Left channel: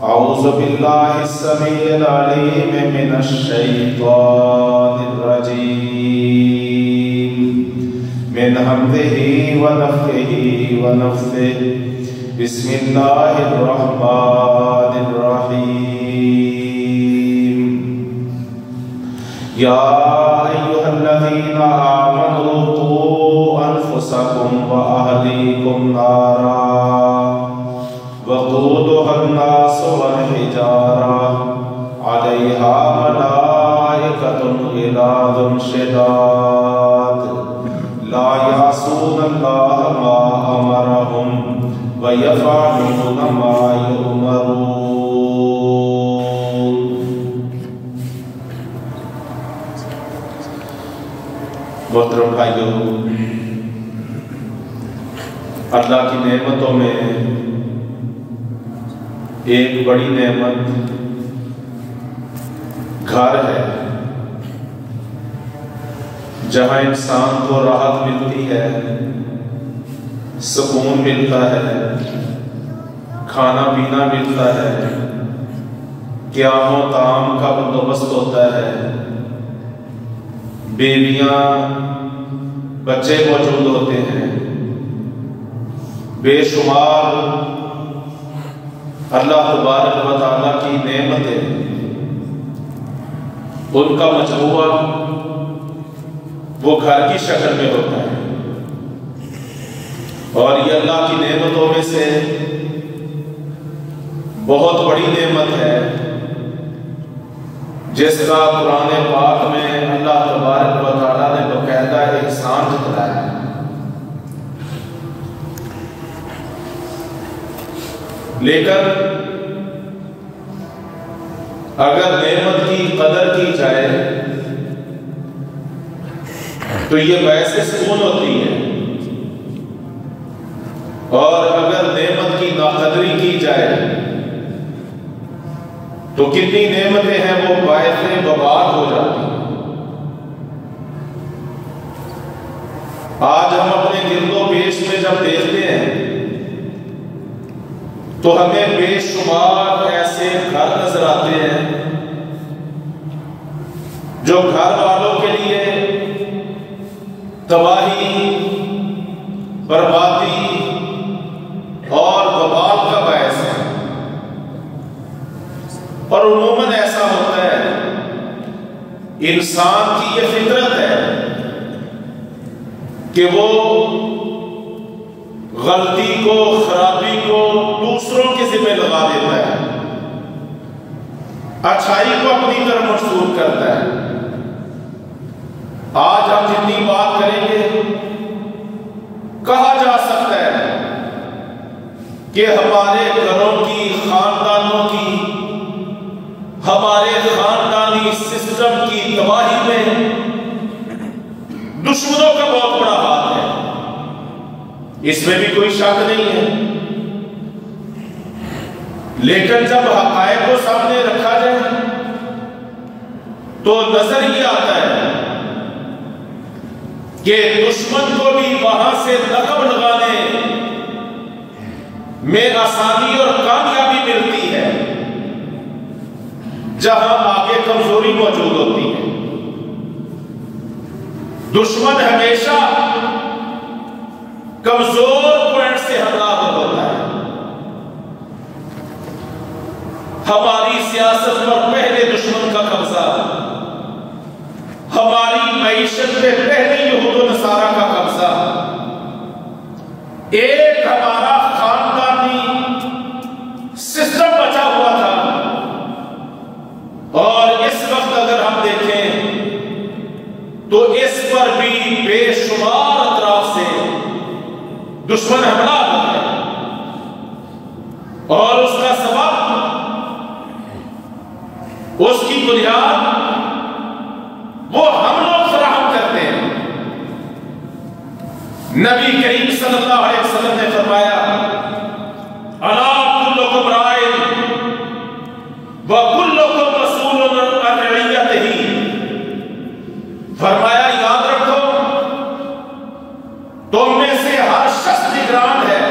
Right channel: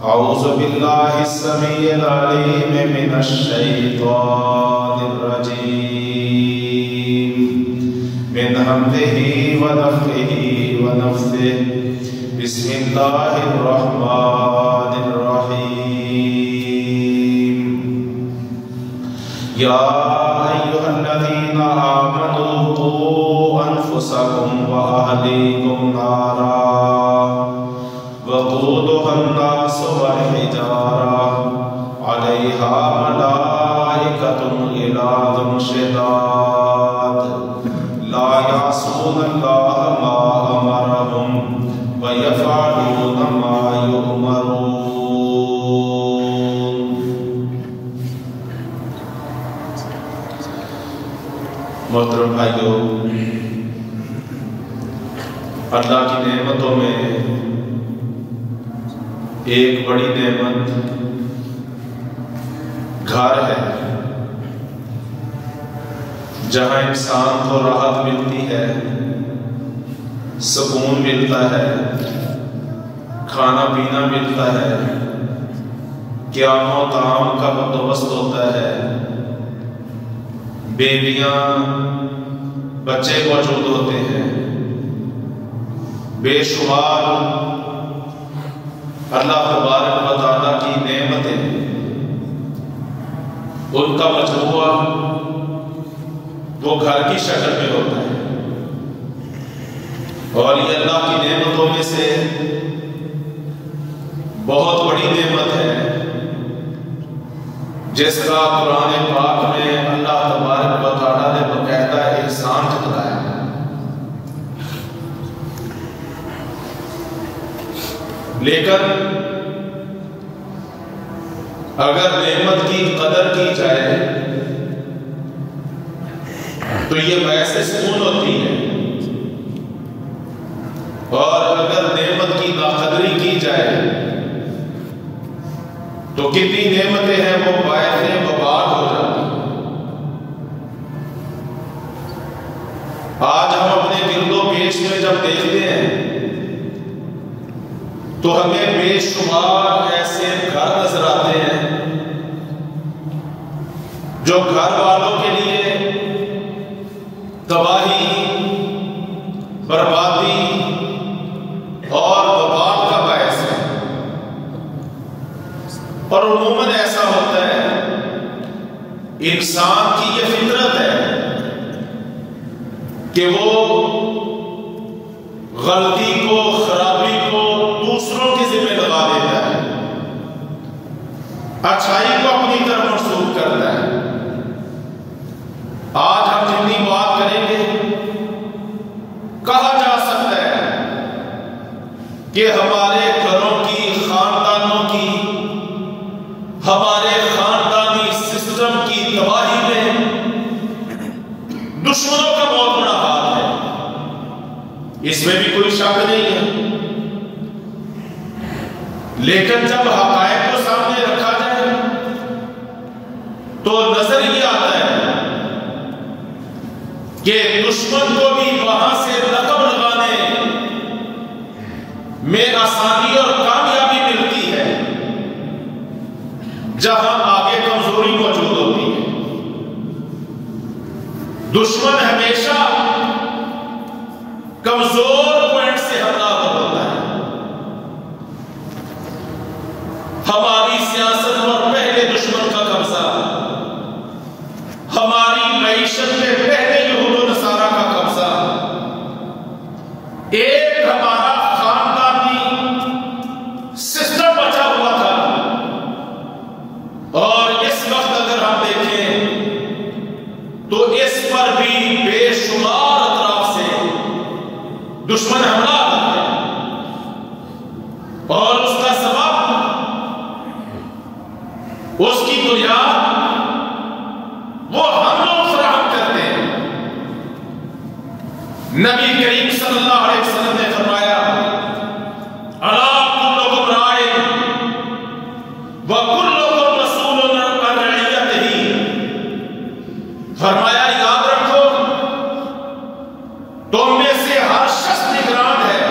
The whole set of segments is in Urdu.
أعوذ بالله السميع العليم من الشيطان الرجيم من همزه ونفخه ونفثه بسم الله الرحمن الرحيم يا أيها الذين آمنوا قوا أنفسكم وأهليكم نارا وقودها الناس والحجارة عليها ملائكة غلاظ شداد لا يعصون الله ما أمرهم ويفعلون ما يؤمرون۔ محترم بھائیوں، اللہ کی نعمتوں میں ایک بڑی نعمت گھر ہے، جہاں انسان کو راحت ملتی ہے، سکون ملتا ہے، کھانا پینا ملتا ہے، قیام و طعام کا بندوبست ہوتا ہے، بیویاں بچے موجود ہوتے ہیں، بے شمار اللہ تبارک و تعالیٰ کی نعمتیں، ان کا مجموعہ وہ گھر کی شکل میں ہوتا ہے، اور یہ اللہ کی نعمتوں میں سے بہت بڑی نعمت ہے، جس کا قرآن پاک میں اللہ تبارک و تعالیٰ نے باقاعدہ احسان جتلایا ہے۔ لیکن اگر نعمت کی قدر کی جائے تو یہ باعث سکون ہوتی ہے، اور اگر نعمت کی ناقدری کی جائے تو کتنی نعمتیں ہیں وہ باعث وبال ہو جاتی ہیں۔ آج ہم اپنے گرد و پیش میں جب دیکھتے ہیں تو ہمیں بے شمار ایسے گھر نظر آتے ہیں جو گھر والوں کے لیے تباہی، بربادی اور وبال کا باعث ہے، اور عموماً ایسا ہوتا ہے، انسان کی یہ فطرت ہے کہ وہ غلطی کو، خرابی کو دوسروں کے ذمہ لگا دیتا ہے، اچھائی کو اپنی طرف منسوخ کرتا ہے۔ آج ہم جتنی بات کریں گے، کہا جا سکتا ہے کہ ہمارے گھروں کی، خاندانوں کی، ہمارے خاندانی سسٹم کی تباہی میں دشمنوں کا بہت بڑا ہاتھ ہے، اس میں بھی کوئی شک نہیں ہے۔ لیکن جب حقائق کو سامنے رکھا جائے تو نظر یہ آتا ہے کہ دشمن کو بھی وہاں سے رقم لگانے میں آسانی اور کامیابی ملتی ہے جہاں آگے کمزوری موجود ہوتی ہے۔ دشمن ہمیشہ کمزور پوائنٹ سے حملہ ہوتا ہے۔ ہماری سیاست پر پہلے دشمن کا قبضہ، ہماری معیشت میں پہلے یہود و نصارہ کا قبضہ، ایک ہمارا خاندانی سسٹم بچا ہوا تھا، اور اس وقت اگر ہم دیکھیں تو اس پر بھی بے شمار اطراف سے دشمن حملہ ہوتا ہے، اور اس کا سبب، اس کی بنیاد وہ ہم لوگ فراہم کرتے ہیں۔ نبی کریم صلی اللہ علیہ وسلم نے فرمایا، الا کلکم راع وکلکم مسئول عن رعیتہ، فرمایا یاد رکھو تم میں سے ہر شخص نگران ہے،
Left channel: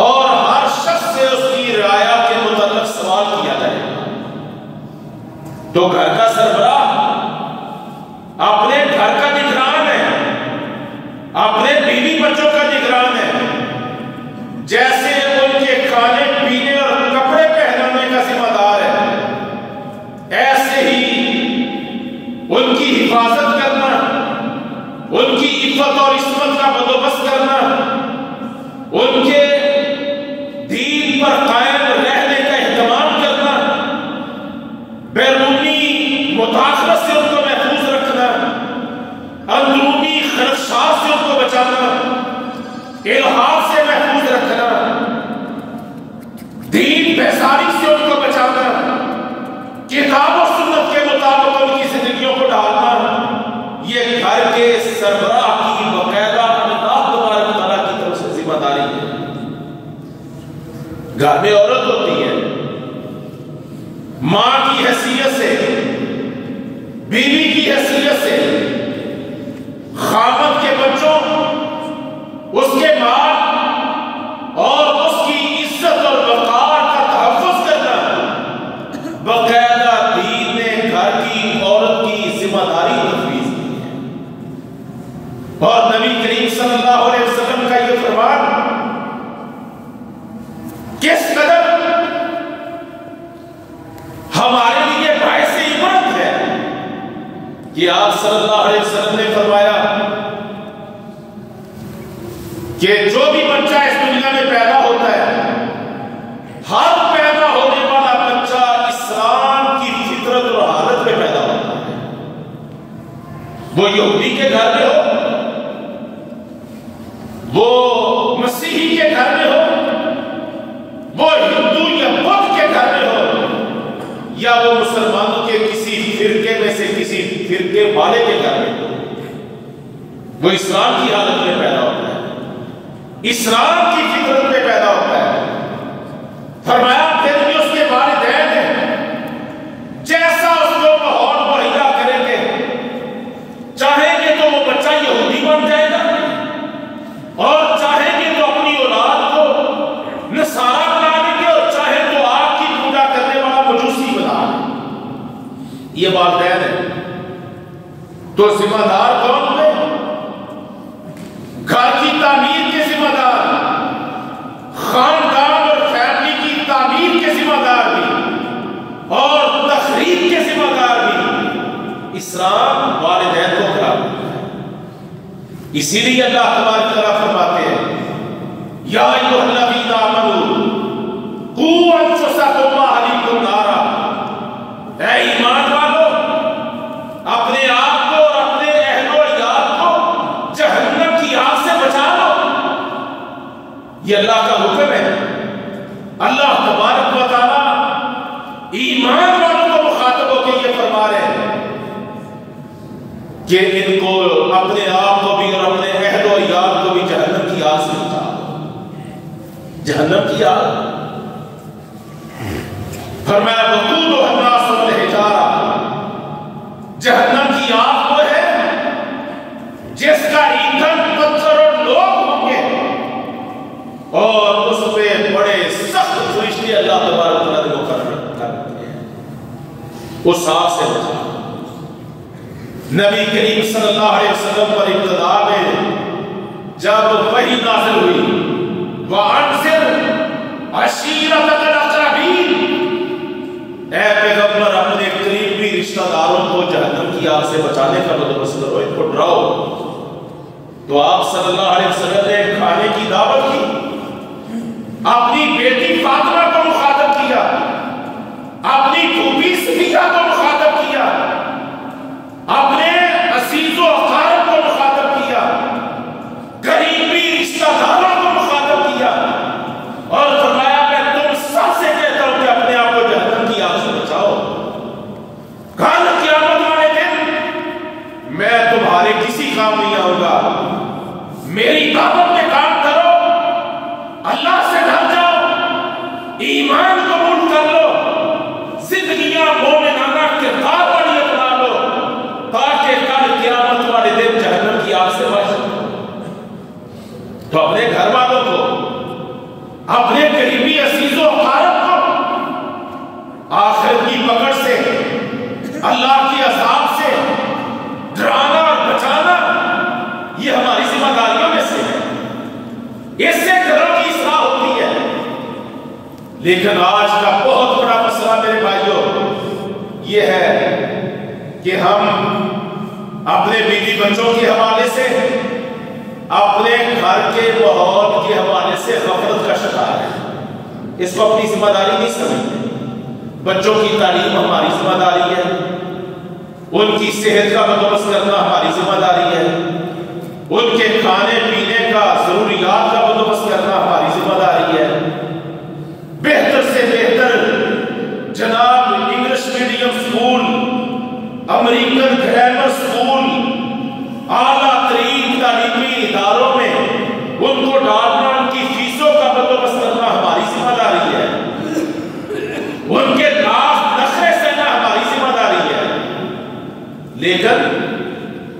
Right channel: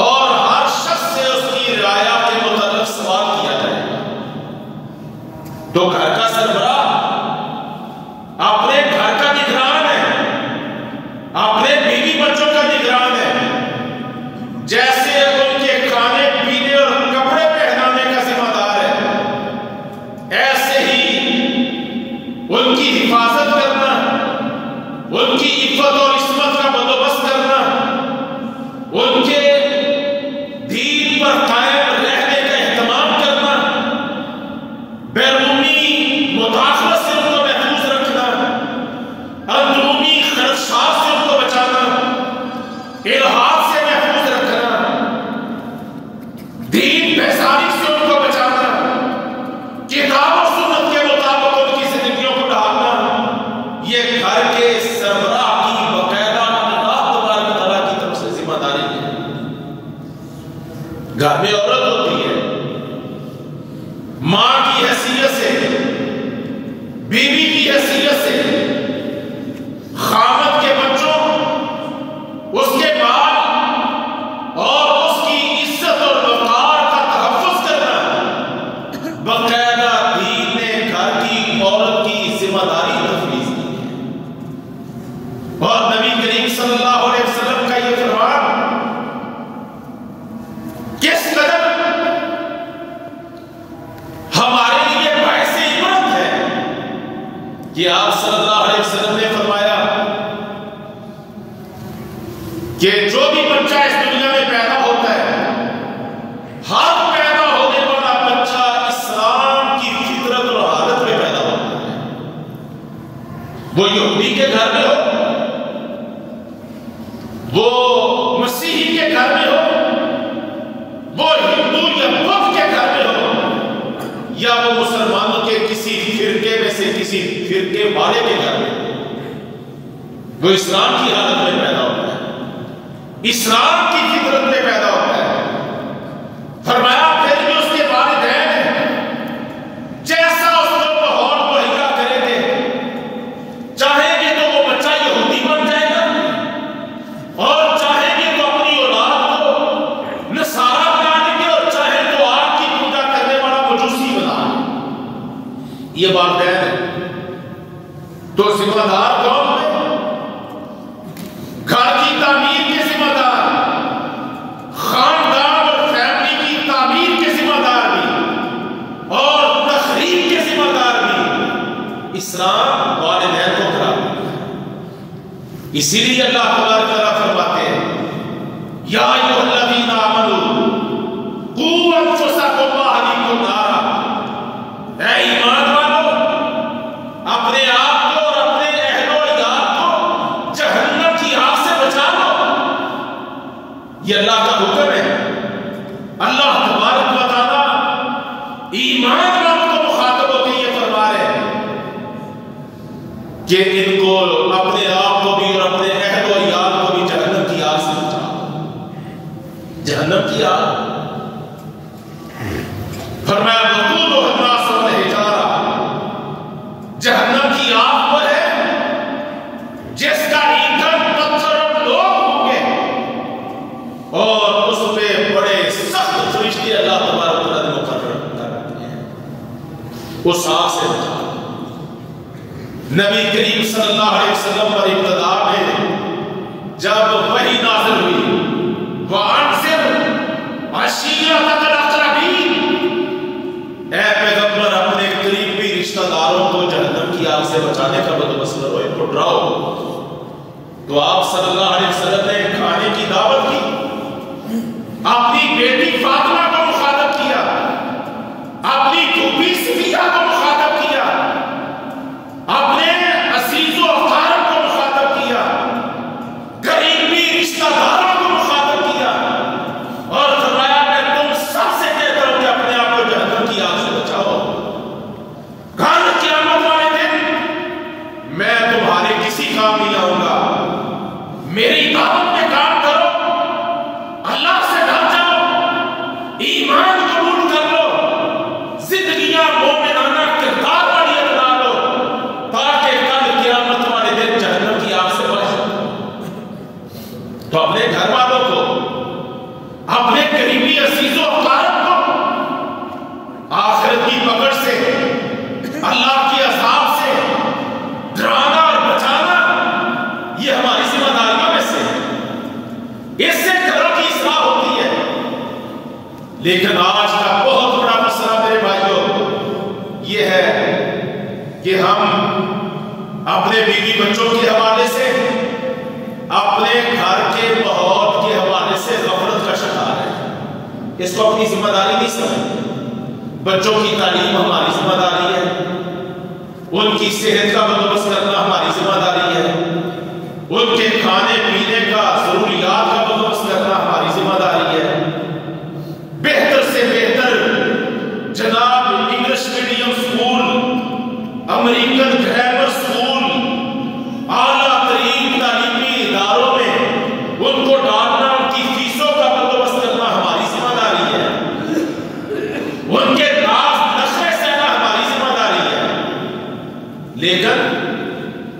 اور ہر شخص سے اس کی رعایا کے تو گھر کا سربراہ اپنے گھر کا نگران ہے، اپنے بیوی بچوں کا نگران ہے، جیسے ان کے کھانے پینے اور کپڑے پہنانے کا ذمہ دار ہے، ایسے ہی ان کی حفاظت کرنا، ان کی عفت اور عصمت کا بندوبست کرنا، ان کے دین پر قائم رہنے کا اہتمام کرنا، بیرونی مداخلت سے ان کو محفوظ رکھنا، اندرونی خدشات سے ان کو بچانا، الحاد سے محفوظ رکھنا، دین بیزاری سے ان کو بچانا، کتاب و سنت کے مطابق ان کی زندگیوں کو ڈھالنا، یہ گھر کے سربراہ کی باقاعدہ اللہ تبارک تعالیٰ کی طرف سے ذمہ داری ہے۔ گھر میں عورت ہوتی ہے، ماں کی حیثیت سے، بیوی کی حیثیت سے، خاوند کے بچوں، اس کے مال اور اس کی عزت اور وقار کا تحفظ کرنا باقاعدہ دین نے گھر کی عورت کی ذمہ داری تفویض کی ہے۔ اور نبی کریم صلی اللہ علیہ وسلم کا یہ فرمان کس قدر ہمارے لیے باعث عبرت ہے کہ آپ صلی اللہ علیہ وسلم نے فرمایا کہ جو بھی بچہ اس دنیا میں پیدا ہوتا ہے، ہر پیدا ہونے والا بچہ اسلام کی فطرت اور حالت میں پیدا ہوتا ہے، وہ یہودی کے گھر میں ہو، وہ مسیحی کے گھر میں ہو، وہ ہندو یا بدھ کے گھر میں ہو، یا وہ مسلمانوں کے کسی فرقے میں سے کسی فرقے والے کے گھر میں ہو، وہ اسلام کی حالت میں پیدا ہوتا ہے، اسلام کی فطرت میں پیدا ہوتا ہے۔ فرمایا پھر بھی اس کے والدین ہیں، جیسا اس کو ماحول مہیا کریں گے، چاہیں گے تو وہ بچہ یہودی بن جائے گا، اور چاہیں گے تو اپنی اولاد کو نصارہ بنا دیں گے، اور چاہیں تو آگ کی پوجا کرنے والا مجوسی بنا دیں۔ یہ والدین ہیں، تو ذمہ دار کون ہوئے؟ گھر کی تعمیر کے ذمہ دار، خاندان اور فیملی کی تعمیر کے ذمہ دار بھی، اور تخریب کے ذمہ دار بھی اسلام والدین کو قرار دیتا ہے۔ اسی لیے اللہ تبارک تعالیٰ فرماتے ہیں یا ایھا الذین آمنوا قوا انفسکم واہلیکم نارا، اے ایمان والو اپنے آپ کو اور اپنے اہل و عیال کو جہنم کی آگ سے بچا لو۔ یہ اللہ کا حکم ہے۔ اللہ تبارک و تعالیٰ ایمان والوں کو مخاطب ہو کے یہ فرما رہے ہیں کہ ان کو اپنے آپ کو بھی اور اپنے اہل و عیال کو بھی جہنم کی آگ سے بچاؤ۔ جہنم کی آگ، فرمایا وقودها الناس والحجارہ، جہنم کی آگ وہ ہے جس کا ایندھن پتھر اور لوگ ہوں گے، اور اس پہ بڑے سخت فرشتے اللہ تبارک و تعالیٰ مقرر کرتے ہیں، اس آگ سے بچاؤ۔ نبی کریم صلی اللہ علیہ وسلم پر ابتدا میں جب وحی نازل ہوئی وَأَنذِرْ عَشِيرَتَكَ الْأَقْرَبِينَ، اے پیغمبر اپنے قریبی رشتہ داروں کو جہنم کی آگ سے بچانے کا بندوبست کرو، ان کو ڈراؤ۔ تو آپ صلی اللہ علیہ وسلم نے کھانے کی دعوت کی، اپنی بیٹی فاطمہ کو مخاطب کیا، اپنی پھوپھی صفیہ کو مخاطب کیا، اپنے عزیز و اقارب کو مخاطب کیا، قریبی رشتہ داروں کو مخاطب کیا، لیکن آج کا بہت بڑا مسئلہ میرے بھائیوں یہ ہے کہ ہم اپنے بیوی بچوں کے حوالے سے، اپنے گھر کے ماحول کے حوالے سے غفلت کا شکار ہیں۔ اس کو اپنی ذمہ داری نہیں سمجھتے۔ بچوں کی تعلیم ہماری ذمہ داری ہے، ان کی صحت کا بندوبست کرنا ہماری ذمہ داری ہے، ان کے کھانے پینے کا ضروریات کا بندوبست کرنا ہماری ذمہ داری ہے۔ بہتر سے بہتر جناب English medium school, American grammar school, اعلیٰ ترین تعلیمی اداروں میں ان کو ڈالنا، ان کی فیسوں کا بندوبست کرنا ہماری ذمہ داری ہے، ان کے ناز نخرے سہنا ہماری ذمہ داری ہے۔ لیکن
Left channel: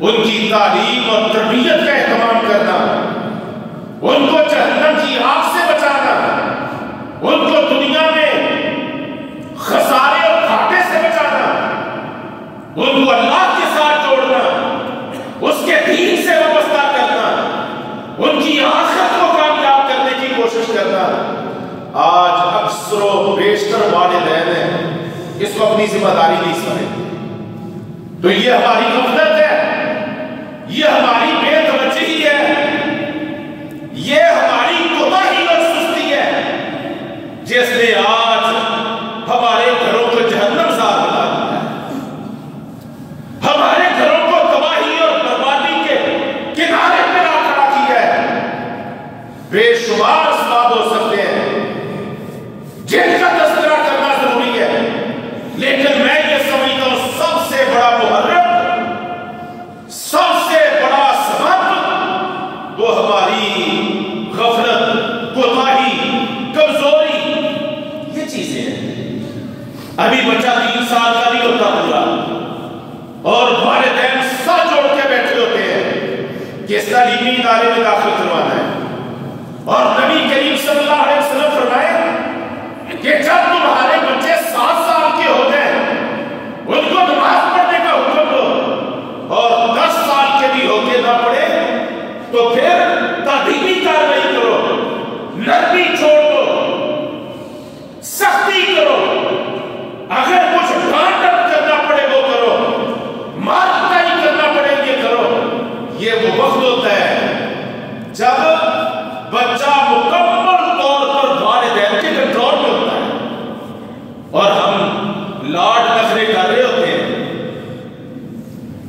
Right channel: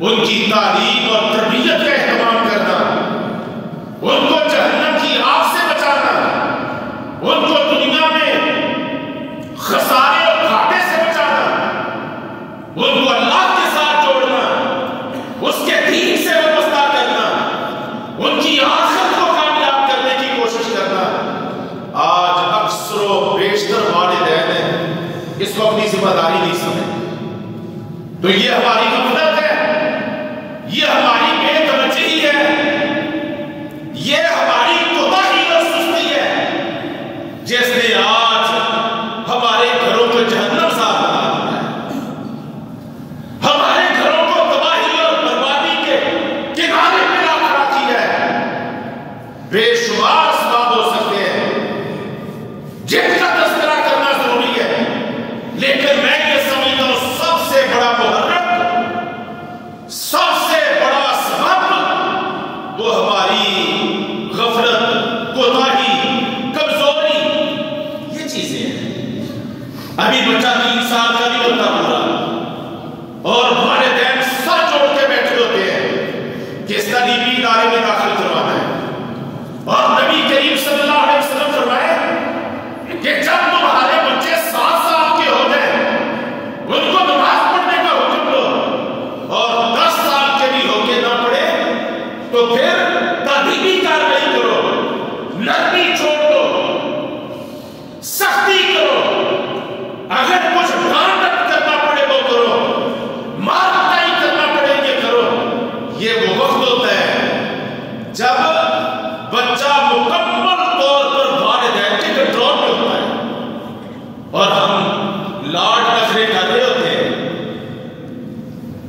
ان کی تعلیم اور تربیت کا اہتمام کرنا، ان کو جہنم کی آگ سے بچانا، ان کو دنیا میں خسارے اور گھاٹے سے بچانا، ان کو اللہ کے ساتھ جوڑنا، اس کے دین سے وابستہ کرنا، ان کی آخرت کو کامیاب کرنے کی کوشش کرنا، آج اکثر و بیشتر والدین ہیں اس کو اپنی ذمہ داری نہیں سمجھتے۔ تو یہ ہماری غفلت ہے، یہ ہماری بے توجہی ہے، یہ ہماری کوتاہی اور سستی ہے جس نے آج ہمارے گھروں کو جہنم سار بنا دیا ہے، ہمارے گھروں کو تباہی اور بربادی کے کنارے پہ لا کھڑا کیا ہے۔ بے شمار اسباب ہو سکتے ہیں جن کا تذکرہ کرنا ضروری ہے، لیکن میں یہ سمجھتا ہوں سب سے بڑا محرک، سب سے بڑا سبب وہ ہماری غفلت، کوتاہی، کمزوری، یہ چیزیں ہیں۔ ابھی بچہ 3 سال کا نہیں ہوتا پورا، اور والدین سر جوڑ کے بیٹھے ہوتے ہیں کہ اس تعلیمی ادارے میں داخل کروانا ہے، اور نبی کریم صلی اللہ علیہ وسلم فرمائے کہ جب تمہارے بچے 7 سال کے ہو جائیں ان کو نماز پڑھنے کا حکم دو، اور 10 سال کے بھی ہو کے نہ پڑھے تو پھر تادیبی کارروائی کرو، نرمی چھوڑ دو، سختی کرو، اگر کچھ ڈانٹ کرنا پڑے وہ کرو، مار پٹائی کرنا پڑے یہ کرو۔ یہ وہ وقت ہوتا ہے جب بچہ مکمل طور پر والدین کے کنٹرول میں ہوتا ہے، اور ہم لاڈ نخرے کر رہے ہوتے ہیں،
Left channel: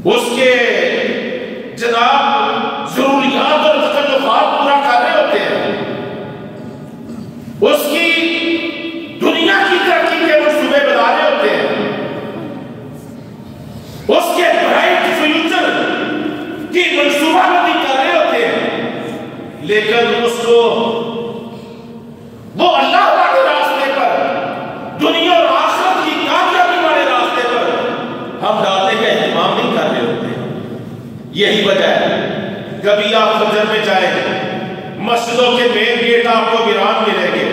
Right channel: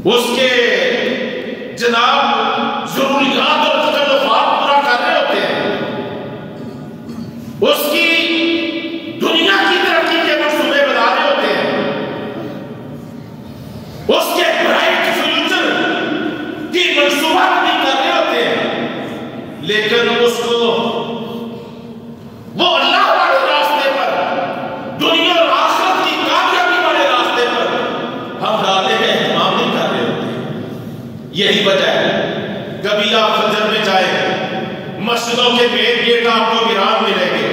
اس کے جناب ضروریات اور تکلفات پورا کر رہے ہوتے ہیں، اس کی دنیا کی ترقی کے منصوبے بنا رہے ہوتے ہیں، اس کے برائٹ فیوچر کی منصوبہ بندی کر رہے ہوتے ہیں، لیکن اس کو وہ اللہ والے راستے پر، دنیا اور آخرت کی کامیابی والے راستے پر ہم ڈالنے کا اہتمام نہیں کر رہے ہوتے۔ یہی وجہ ہے کبھی آپ فجر میں جائیں گے، مسجدوں کے مین گیٹ آپ کو ویران ملیں گے،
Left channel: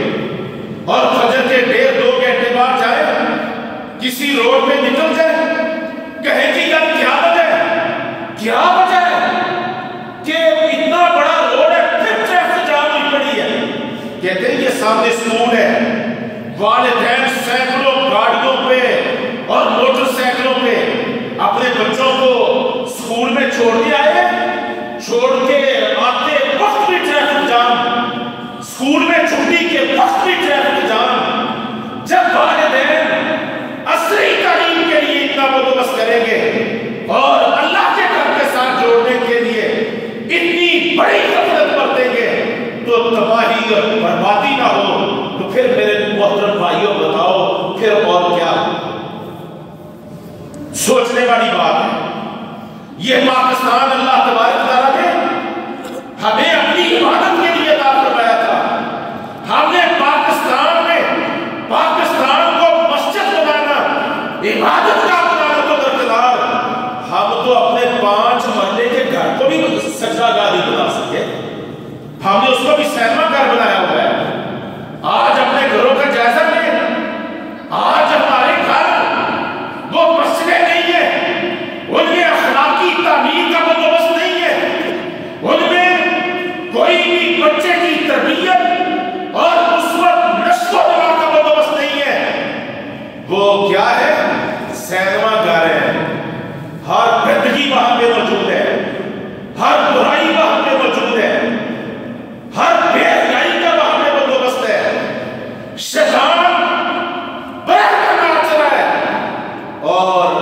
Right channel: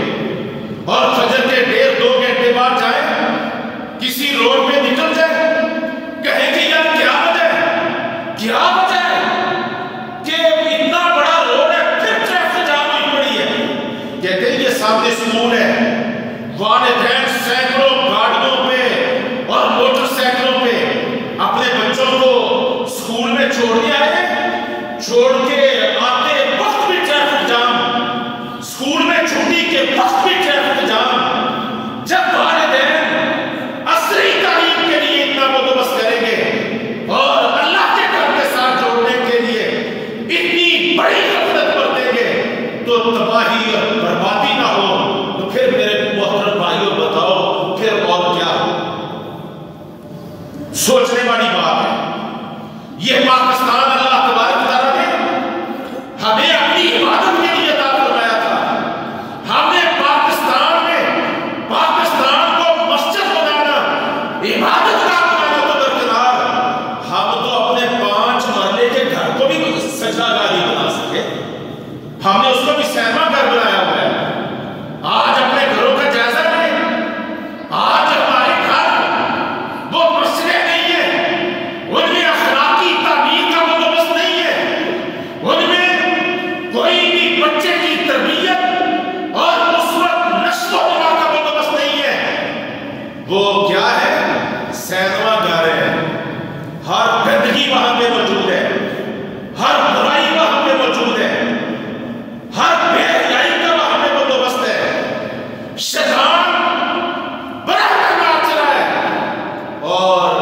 اور فجر کے 1.5-2 گھنٹے بعد جائیں، کسی روڈ پہ نکل جائیں، کہیں کہ یار کیا وجہ ہے، کیا وجہ ہے کہ اتنا بڑا روڈ ہے پھر ٹریفک جام ہوئی پڑی ہے؟ کہتے ہیں یہ سامنے اسکول ہے، والدین سینکڑوں گاڑیوں پہ اور موٹر سائیکلوں پہ اپنے بچوں کو اسکول میں چھوڑنے آئے، چھوڑ کے آتے وقت بھی ٹریفک جام، اسکول میں چھٹی کے وقت بھی ٹریفک جام۔ جب والدین عصری تعلیم کے لیے اتنا بندوبست کریں گے اور اللہ کے گھر کے ساتھ جوڑنے کے لیے اتنی بڑی غفلت برتیں گے تو تباہی اور بربادی نہ ہو تو پھر میرے محترم بھائیوں بتاؤ پھر اور کیا؟ سوچنے والی بات ہے۔ یہ پاکستان اللہ تبارک تعالیٰ نے سینما گھر ہے، ہر گندگی وہاں پہ موجود ہے، ہر برائی وہاں پہ موجود ہے، ہر بے حیائی کا وہاں پہ بندوبست ہے، شیطان بڑا ناچ رہا ہے، اور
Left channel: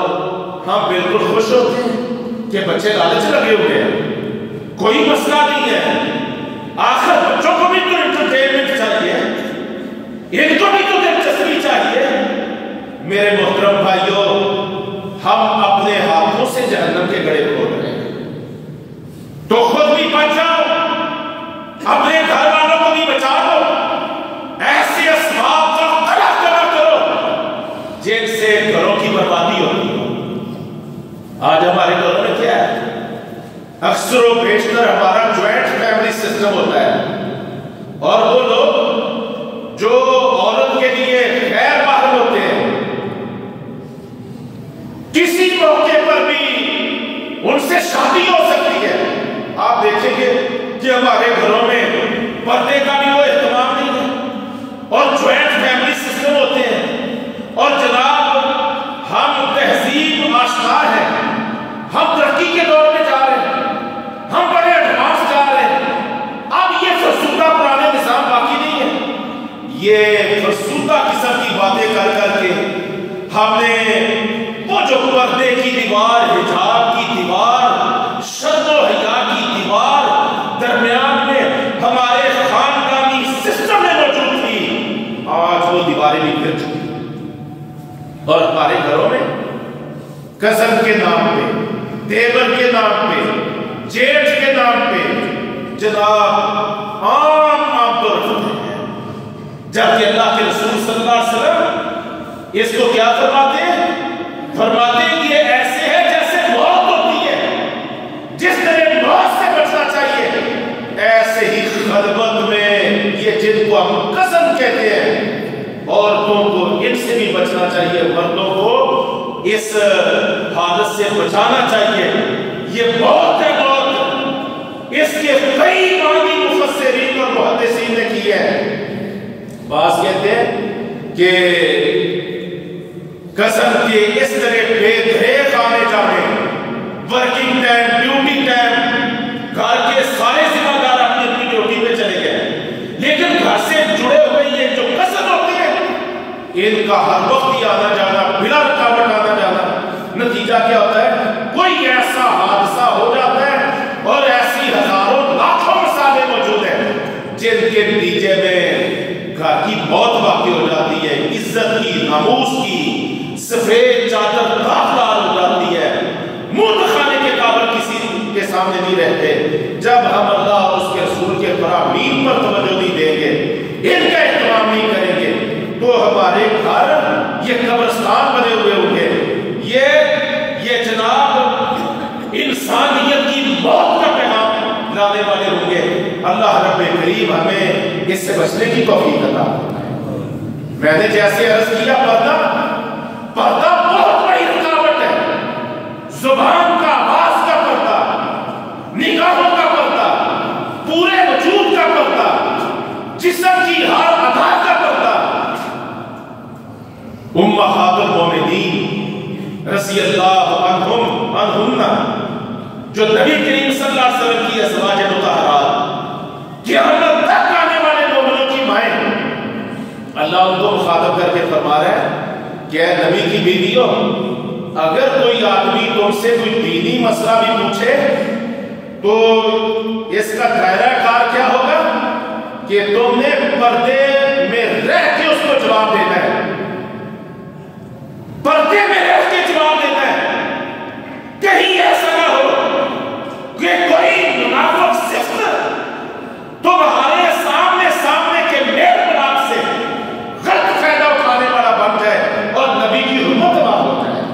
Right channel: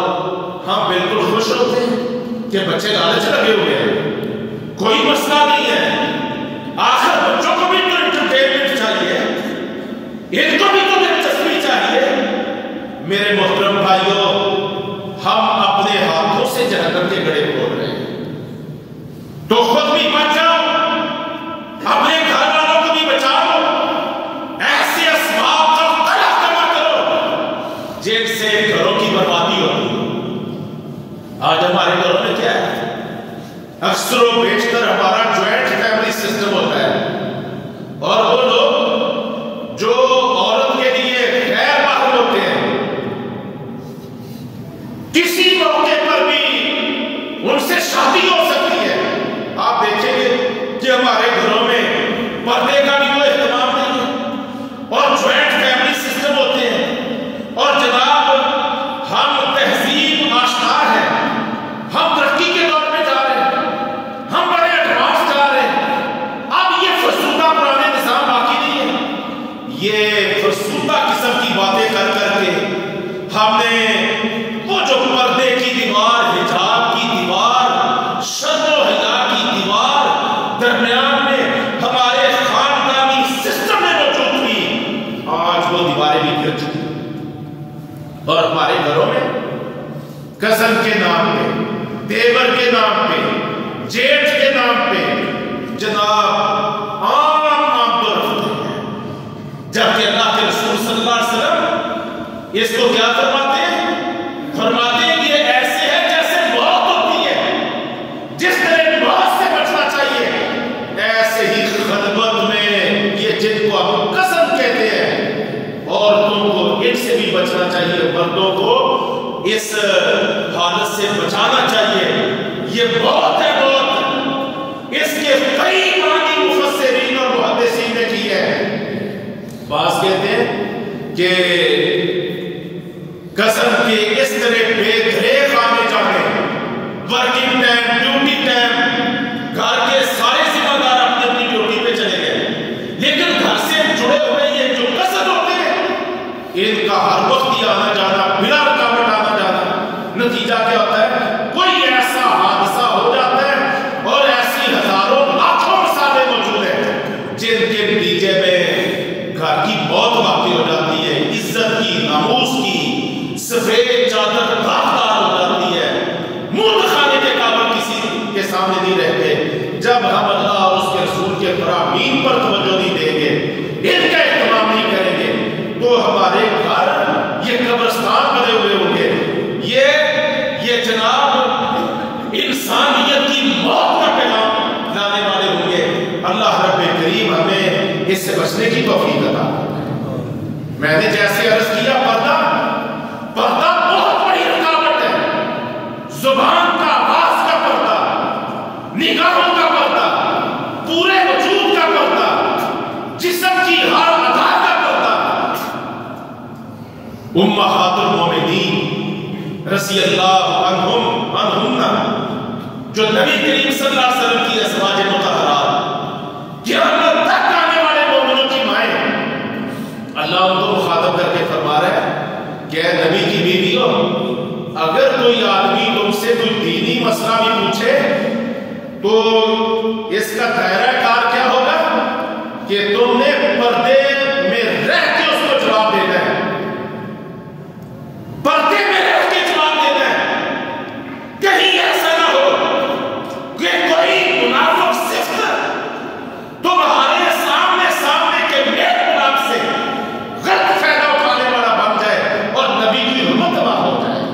ہم بالکل خوش ہوتے ہیں کہ بچے لالچ لگے ہوئے ہیں، کوئی مسئلہ نہیں ہے، آخر بچوں کو بھی تو انٹرٹینمنٹ چاہیے، ان کو بھی تو دلچسپی چاہیے۔ میرے محترم بھائیوں، ہم اپنے ہاتھوں سے جہنم کے گڑھے کھود رہے ہیں، تو خود بھی بچ جاؤ، اپنے گھر والوں کو بھی بچا لو، ایسے اسباب کا مطالعہ کرو جن سے گھروں کی بربادی ہوتی ہے۔ آج ہمارے گھروں میں کیا ہے؟ اکثر و بیشتر ہمارا جوائنٹ فیملی سسٹم ہوتا ہے، اور وہ لوگ جو عورت کے لیے غیر محرم ہوتے ہیں، کسی موقع پر بھی ان سے شادی ہو سکتی ہے۔ آپ دیکھیں گے کہ ہمارے گھروں میں پردے کا بھی کوئی اہتمام نہیں ہے، اور جوائنٹ فیملی سسٹم ہوتے ہیں، اور جناب ہم تہذیب آشکار ہیں، ہم ترقی کے دور میں جا رہے ہیں، ہم بڑے ایڈوانس جا رہے ہیں، اب یہ فرسودہ پرانے نظام باقی نہیں ہے۔ یہ فرسودہ قسم کی باتیں کر کر کے ہم نے وہ جو پردے کی دیوار، حجاب کی دیوار، شرم و حیا کی دیوار درمیان میں ہمارے خاندانی سسٹم میں موجود تھی، آج وہ دیواریں بھی گر چکی، اور ہمارے گھروں میں کزن کے نام پہ، دیور کے نام پہ، جیٹھ کے نام پہ جناب عام طور رکھتے ہیں، جبکہ اللہ کے رسول صلی اللہ علیہ وسلم اس کو کیا فرماتے ہیں؟ فرماتے ہیں یہ ایسے ہے جیسے موت ہوتی ہے، جس طرح موت سے بچنا چاہیے، ایسے ہی خلوت میں یہ جن کو ہم قسم کہتے ہیں، عورتوں کو ان سے بھی بچنا چاہیے، مردوں کو اس حالت سے بچانا چاہیے۔ یہ موت ہے، موت، اس کے کئی معنی مفسرین اور محدثین نے کی ہے۔ بعض کہتے ہیں کہ قسم کے اس طرح بے دریغ آنے جانے، ورکنگ ٹائم، ڈیوٹی ٹائم، گھر کے سارے ذمہ دار اپنی اپنی ڈیوٹی پہ چلے گئے، لیکن گھر سے جڑے ہوئے یہ جو قسم ہوتے ہیں، ان کا ہر وقت ہی آنا جانا، بلا رکاوٹ آنا جانا، نتیجہ کیا ہوتا ہے؟ کوئی ایسا حادثہ ہو جاتا ہے، اور ایسی ہزاروں لاکھوں مثالیں موجود ہیں جن کے نتیجے میں گھر کی موت واقع ہو جاتی ہے، عزت کی، ناموس کی سفید چادر راکدار ہو جاتی ہے، منہ دکھانے کے قابل کسی کے سامنے نہیں رہتے۔ جب ہم اللہ اور اس کے رسول کے فرامین پر توجہ نہیں دیں گے، ان کا اہتمام نہیں کریں گے، تو ہمارے گھر یہ قبرستان بنے ہوئے ہوں گے، یہ جناب انسانیت کی موت کا پیغام لانے والے ہوں گے۔ اللہ رب کریم ہمیں اس سے بچنے کی توفیق عطا فرمائے۔ میں نے جیسے عرض کیا، پردہ بہت بڑی رکاوٹ ہے، زبان کا، آواز کا پردہ، نگاہوں کا پردہ، پورے وجود کا پردہ، جسم کی ہر ادا کا پردہ۔ امہات المومنین رضی اللہ عنہن، جو نبی کریم صلی اللہ علیہ وسلم کی ازواج مطہرات، قیامت تک آنے والے مومنوں کی مائیں، اللہ ان کو مخاطب کر کے فرما رہا ہے کہ اے نبی کی بیویوں، اگر کوئی آدمی تم سے کوئی دینی مسئلہ بھی پوچھے تو اس کا دائرہ کار کیا ہوگا کہ تم نے پردے میں رہ کے اس کو جواب دینا ہے، پردے میں رہ کے جواب دینا ہے۔ کہیں ایسا نہ ہو کہ کوئی منافق صفت تمہارے سامنے کے میل ملاپ سے غلط فائدہ اٹھانے والا بن جائے اور نبی کی حرمت تباہ ہو جائے۔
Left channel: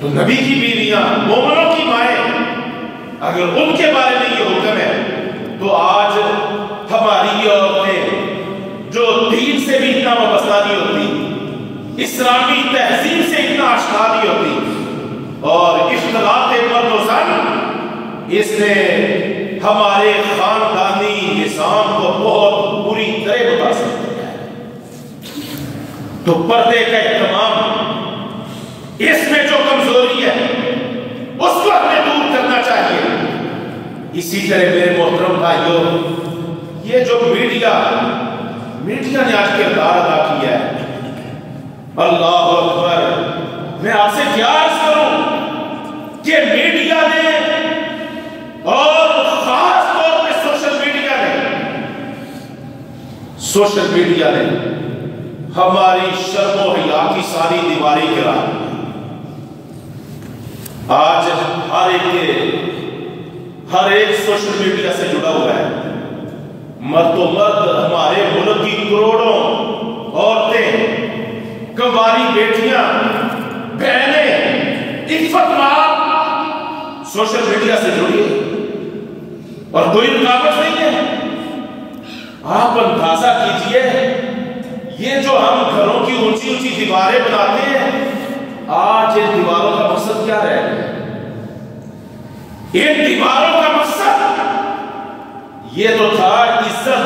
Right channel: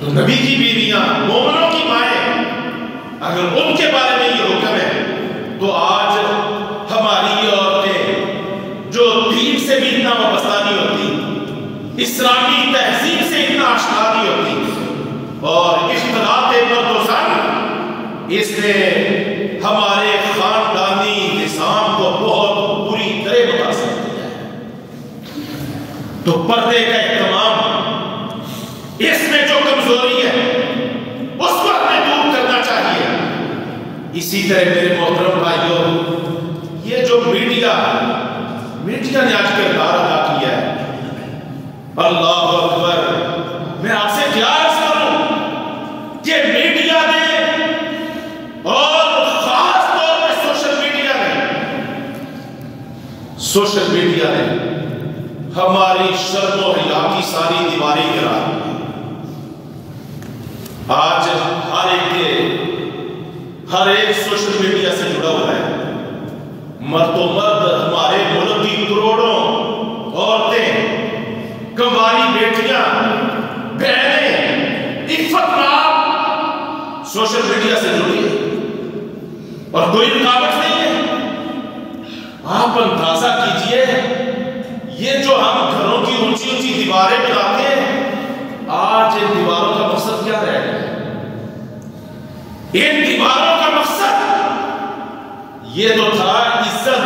تو نبی کی بیویاں، مومنوں کی مائیں، اگر ان کے بارے میں یہ حکم ہے تو آج ہماری یہ عورتیں جو دین سے بھی اتنا وابستہ نہیں ہوتی، اسلامی تہذیب سے اتنا آشنا نہیں ہوتی، اور اختلاط مرد و زن، اس نے ہمارے خاندانی نظام کو بہت بری طرح متاثر کیا ہے۔ تو پردے کا اہتمام اس میں جو کمزوری ہے اس کو ہمیں دور کرنا چاہیے۔ اسی طرح میرے محترم بھائیوں، یہ جو میڈیا نے آج کردار ادا کیا ہے، اللہ اکبر، میں آپ سے کیا عرض کروں کہ میڈیا نے اور خاص طور پہ سوشل میڈیا نے ہماری شرم و حیا کی ساری دیواریں گرا۔ آج ہر ایک سوشل میڈیا سے جڑا ہوا ہے۔ مرد و مرد، ہمارے ملک کی کروڑوں عورتیں، کنواری بیٹیاں، بہنیں، عفت ماں سوشل میڈیا سے جڑی اور کوئی رکاوٹ نہیں ہے۔ آپ اندازہ کیجئے، یہ جو ہم گھروں کی اونچی اونچی دیواریں بناتے ہیں، آج ان دیواروں کا مقصد کیا رہے گا؟ ان دیواروں کا مقصد یہ تو تھا عزت،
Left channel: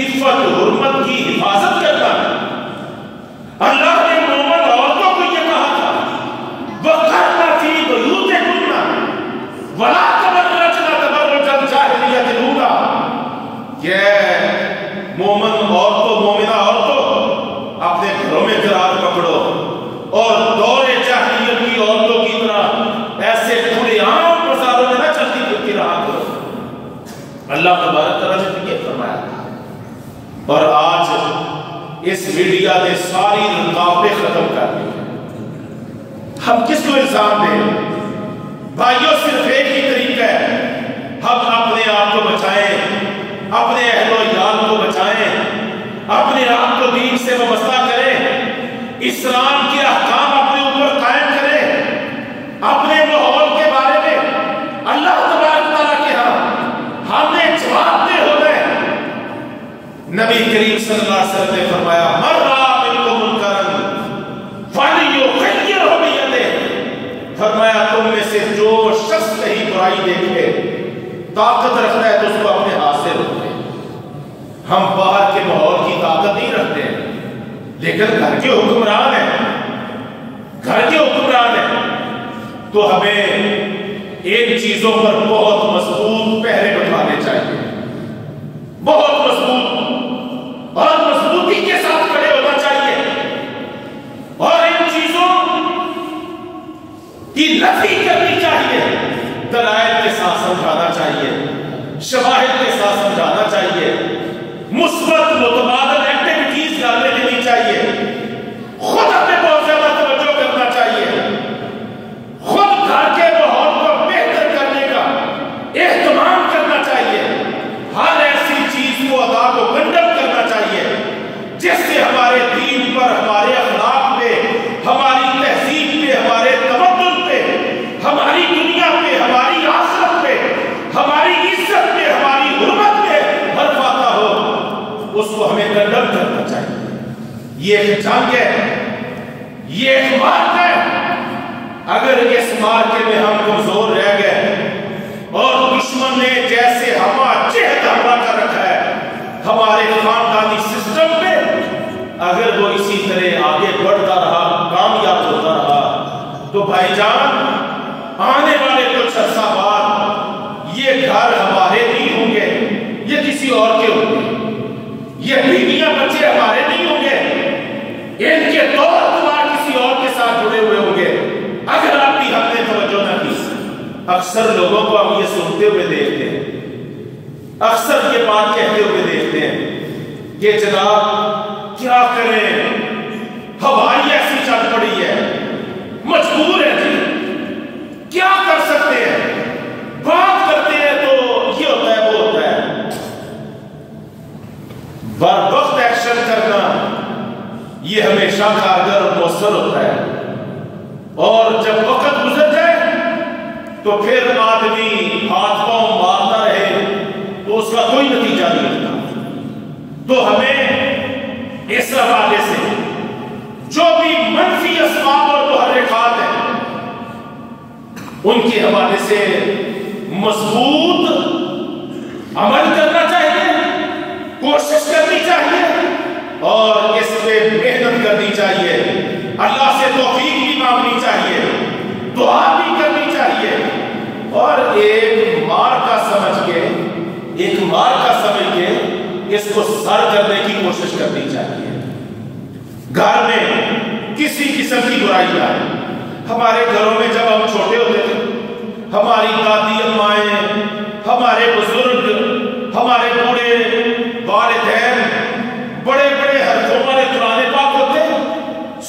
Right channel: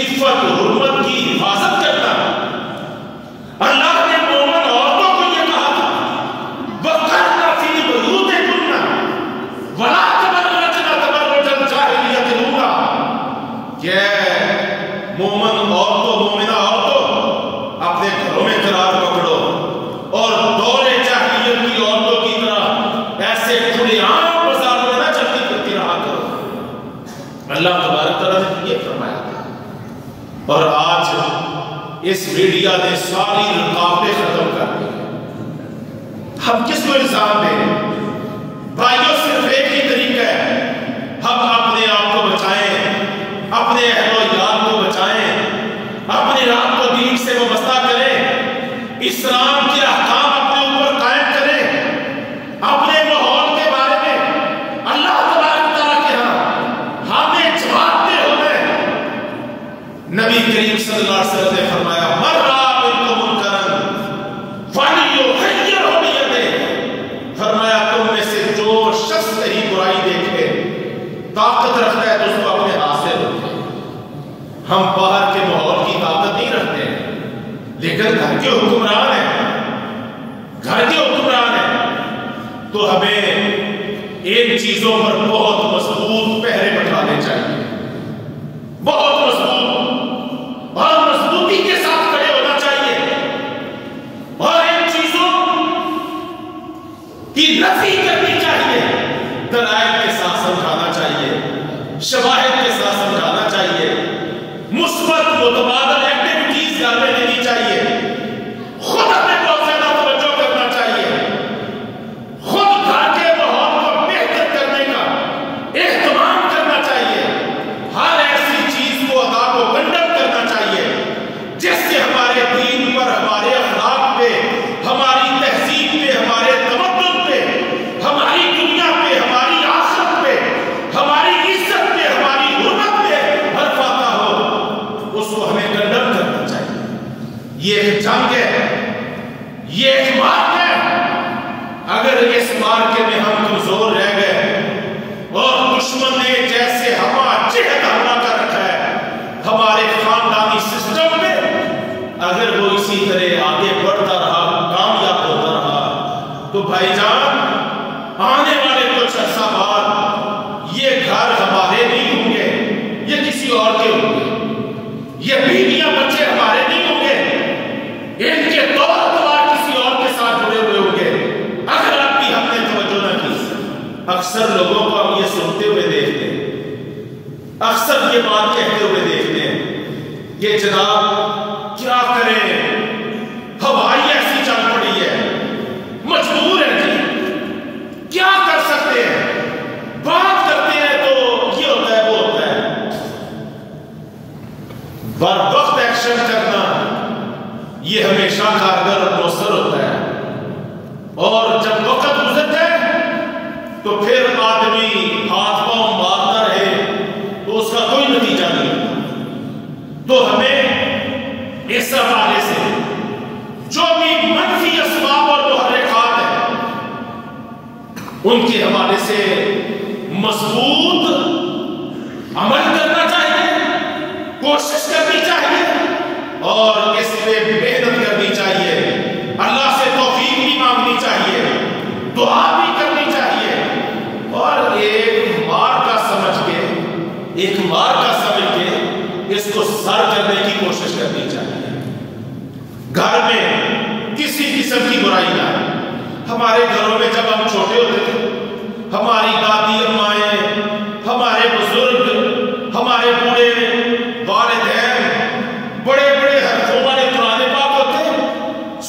عفت، حرمت کی حفاظت کرنا۔ اللہ نے مومن عورتوں کو یہ کہا تھا، وَقَرْنَ فِي بُيُوتِكُنَّ وَلَا تَبَرَّجْنَ تَبَرُّجَ الْجَاهِلِيَّةِ الْأُولَىٰ، کہ مومنہ عورتوں اپنے گھروں میں قرار پکڑو اور دور جاہلیت کی عورتوں کی طرح ایسے کھلے عام بازاروں میں نہ چلتی پھرتی رہا کرو۔ اللہ تبارک تعالیٰ نے یہ فرمایا، اور آج اس میڈیا نے ساری رکاوٹیں ختم کر دی۔ ہم کس کو الزام دیں؟ بھائیوں، صرف ایک ہی طریقہ ہے، ہم اپنے آپ کو بچائیں، اپنے اہل و عیال کو بچائیں، اپنے آپ کو دین سے وابستہ کریں، اسلام کے احکام اپنے اوپر قائم کریں، اپنے ماحول کے بارے میں اللہ تبارک تعالیٰ کے ہاں ہمیں جواب دہ ہونا ہے۔ نبی کریم صلی اللہ علیہ وسلم نے فرمایا، مَن رَأَىٰ مِنكُم مُنكَرًا فَلْيُغَيِّرْهُ بِيَدِهِ، فرمایا تم میں سے جو شخص کہیں برائی دیکھے، طاقت رکھتا ہے تو اس کو اپنے ہاتھ سے روکے۔ ہم باہر کے ماحول کی طاقت نہیں رکھتے ہیں، لیکن گھر کے حکمران ہیں، تو ہمیں ان چیزوں پر بہت مضبوط پہرے بٹھانے چاہیے، بہت مضبوط اور مضبوطی کے ساتھ کھڑے ہونا چاہیے، اور ان چیزوں کی نفی کرنی چاہیے، دلائل کے ساتھ سمجھانا چاہیے، شواہد کے ساتھ سمجھانا چاہیے، مثبت متبادل ایکٹیویٹیز گھر میں لینی چاہیے، خود اپنے بہت زیادہ توجہ کرنا چاہیے، خود گھر کے ماحول کو بہتر کرنے کا اہتمام کرنا چاہیے، ہر ایسی چیز کو ادا کو کنڈم کرنا چاہیے جس سے ہمارے دین پر، ہمارے اخلاق پہ، ہماری تہذیب پہ، ہمارے تمدن پہ، ہماری دنیا پہ، ہماری آخرت پہ، ہماری عزت پہ، ہماری حرمت پہ حرف آتا ہو، اس کو ہمیں کنڈم کرنا چاہیے۔ یہ ایک جنگ ہے، یہ ایک مارک ہے۔ اگر اس مارکے میں ہم کمزور رہ گئے اور دشمن نے جیسے ہما چہت حملہ کر رکھا ہے ہمارے خاندانی سسٹم پہ، اگر وہ اسی طرح آگے بڑھتا رہا، کامیاب ہوتا رہا، تو بھائی جان، آنے والے کچھ عرصہ بعد یہ گھر ہمارے نہیں ہوں گے، یہ کسی اور کے ہوں گے، یہ بیویاں بچے ہمارے نہیں ہوں گے، ان کے طور دوار کسی اور کے ساتھ جڑے ہوئے ہوں گے، اگر آپ کی ہم نے توجہ نہ کی۔ اکثر لوگوں کو ہم یہ سنتے ہوئے دیکھتے ہیں، اکثر یہ بات کہتے ہوئے دیکھتے ہیں کہ جناب کیا کریں، ہوائی ایسی چل پڑی ہے، مجبور ہے جی، کیا کر سکتے ہیں، بات کرتے ہیں تو یہ ہوتا ہے وہ ہوتا ہے۔ بر وقت ایکشن کرنا یہ ہمیشہ کارگر اور مؤثر ہوتا ہے، اور جب وقت گزر جائے تو پھر آدمی ہاتھ پاؤں مارتا رہے تو اس کا کوئی نتیجہ نہیں ہوتا۔ تو ہمیں اس حوالے سے جو بھی منفی اسباب اور محرکات ہیں ان کے حوالے سے مضبوط عمل کرنا چاہیے، کوشش کرنی چاہیے، اور اس پہ محنت کرنی چاہیے، اللہ سے توفیق بھی مانگنی چاہیے کسی قسم کی برائی نہ ہے۔ ہمارے گھروں میں جب ہم چھوٹے ہوتے تھے، ہماری دادی امائیں، ہمارے بزرگ، ہمارے بوڑھے والدین بڑے بڑے حرفوں والے قرآن پاک ہوتے،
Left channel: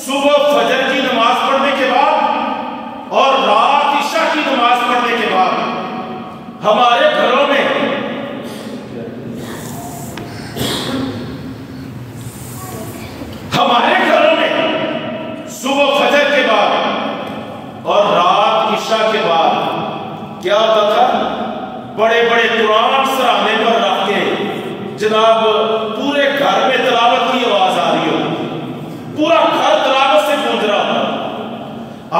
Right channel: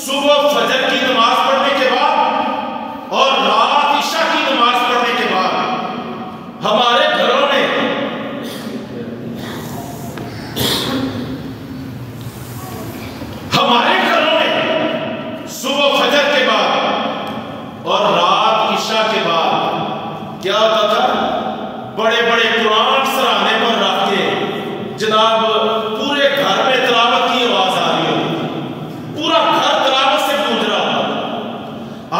صبح فجر کی نماز پڑھنے کے بعد اور رات عشاء کی نماز پڑھنے کے بعد ہمارے گھروں میں صبح فجر کے بعد اور رات عشاء کے بعد کیا ہوتا تھا؟ بڑے بڑے قرآن سرانے پر رکھ کے جناب پورے گھر میں تلاوت کی آواز آ رہی ہو، پورا گھر تلاوت سے گونج رہا ہو۔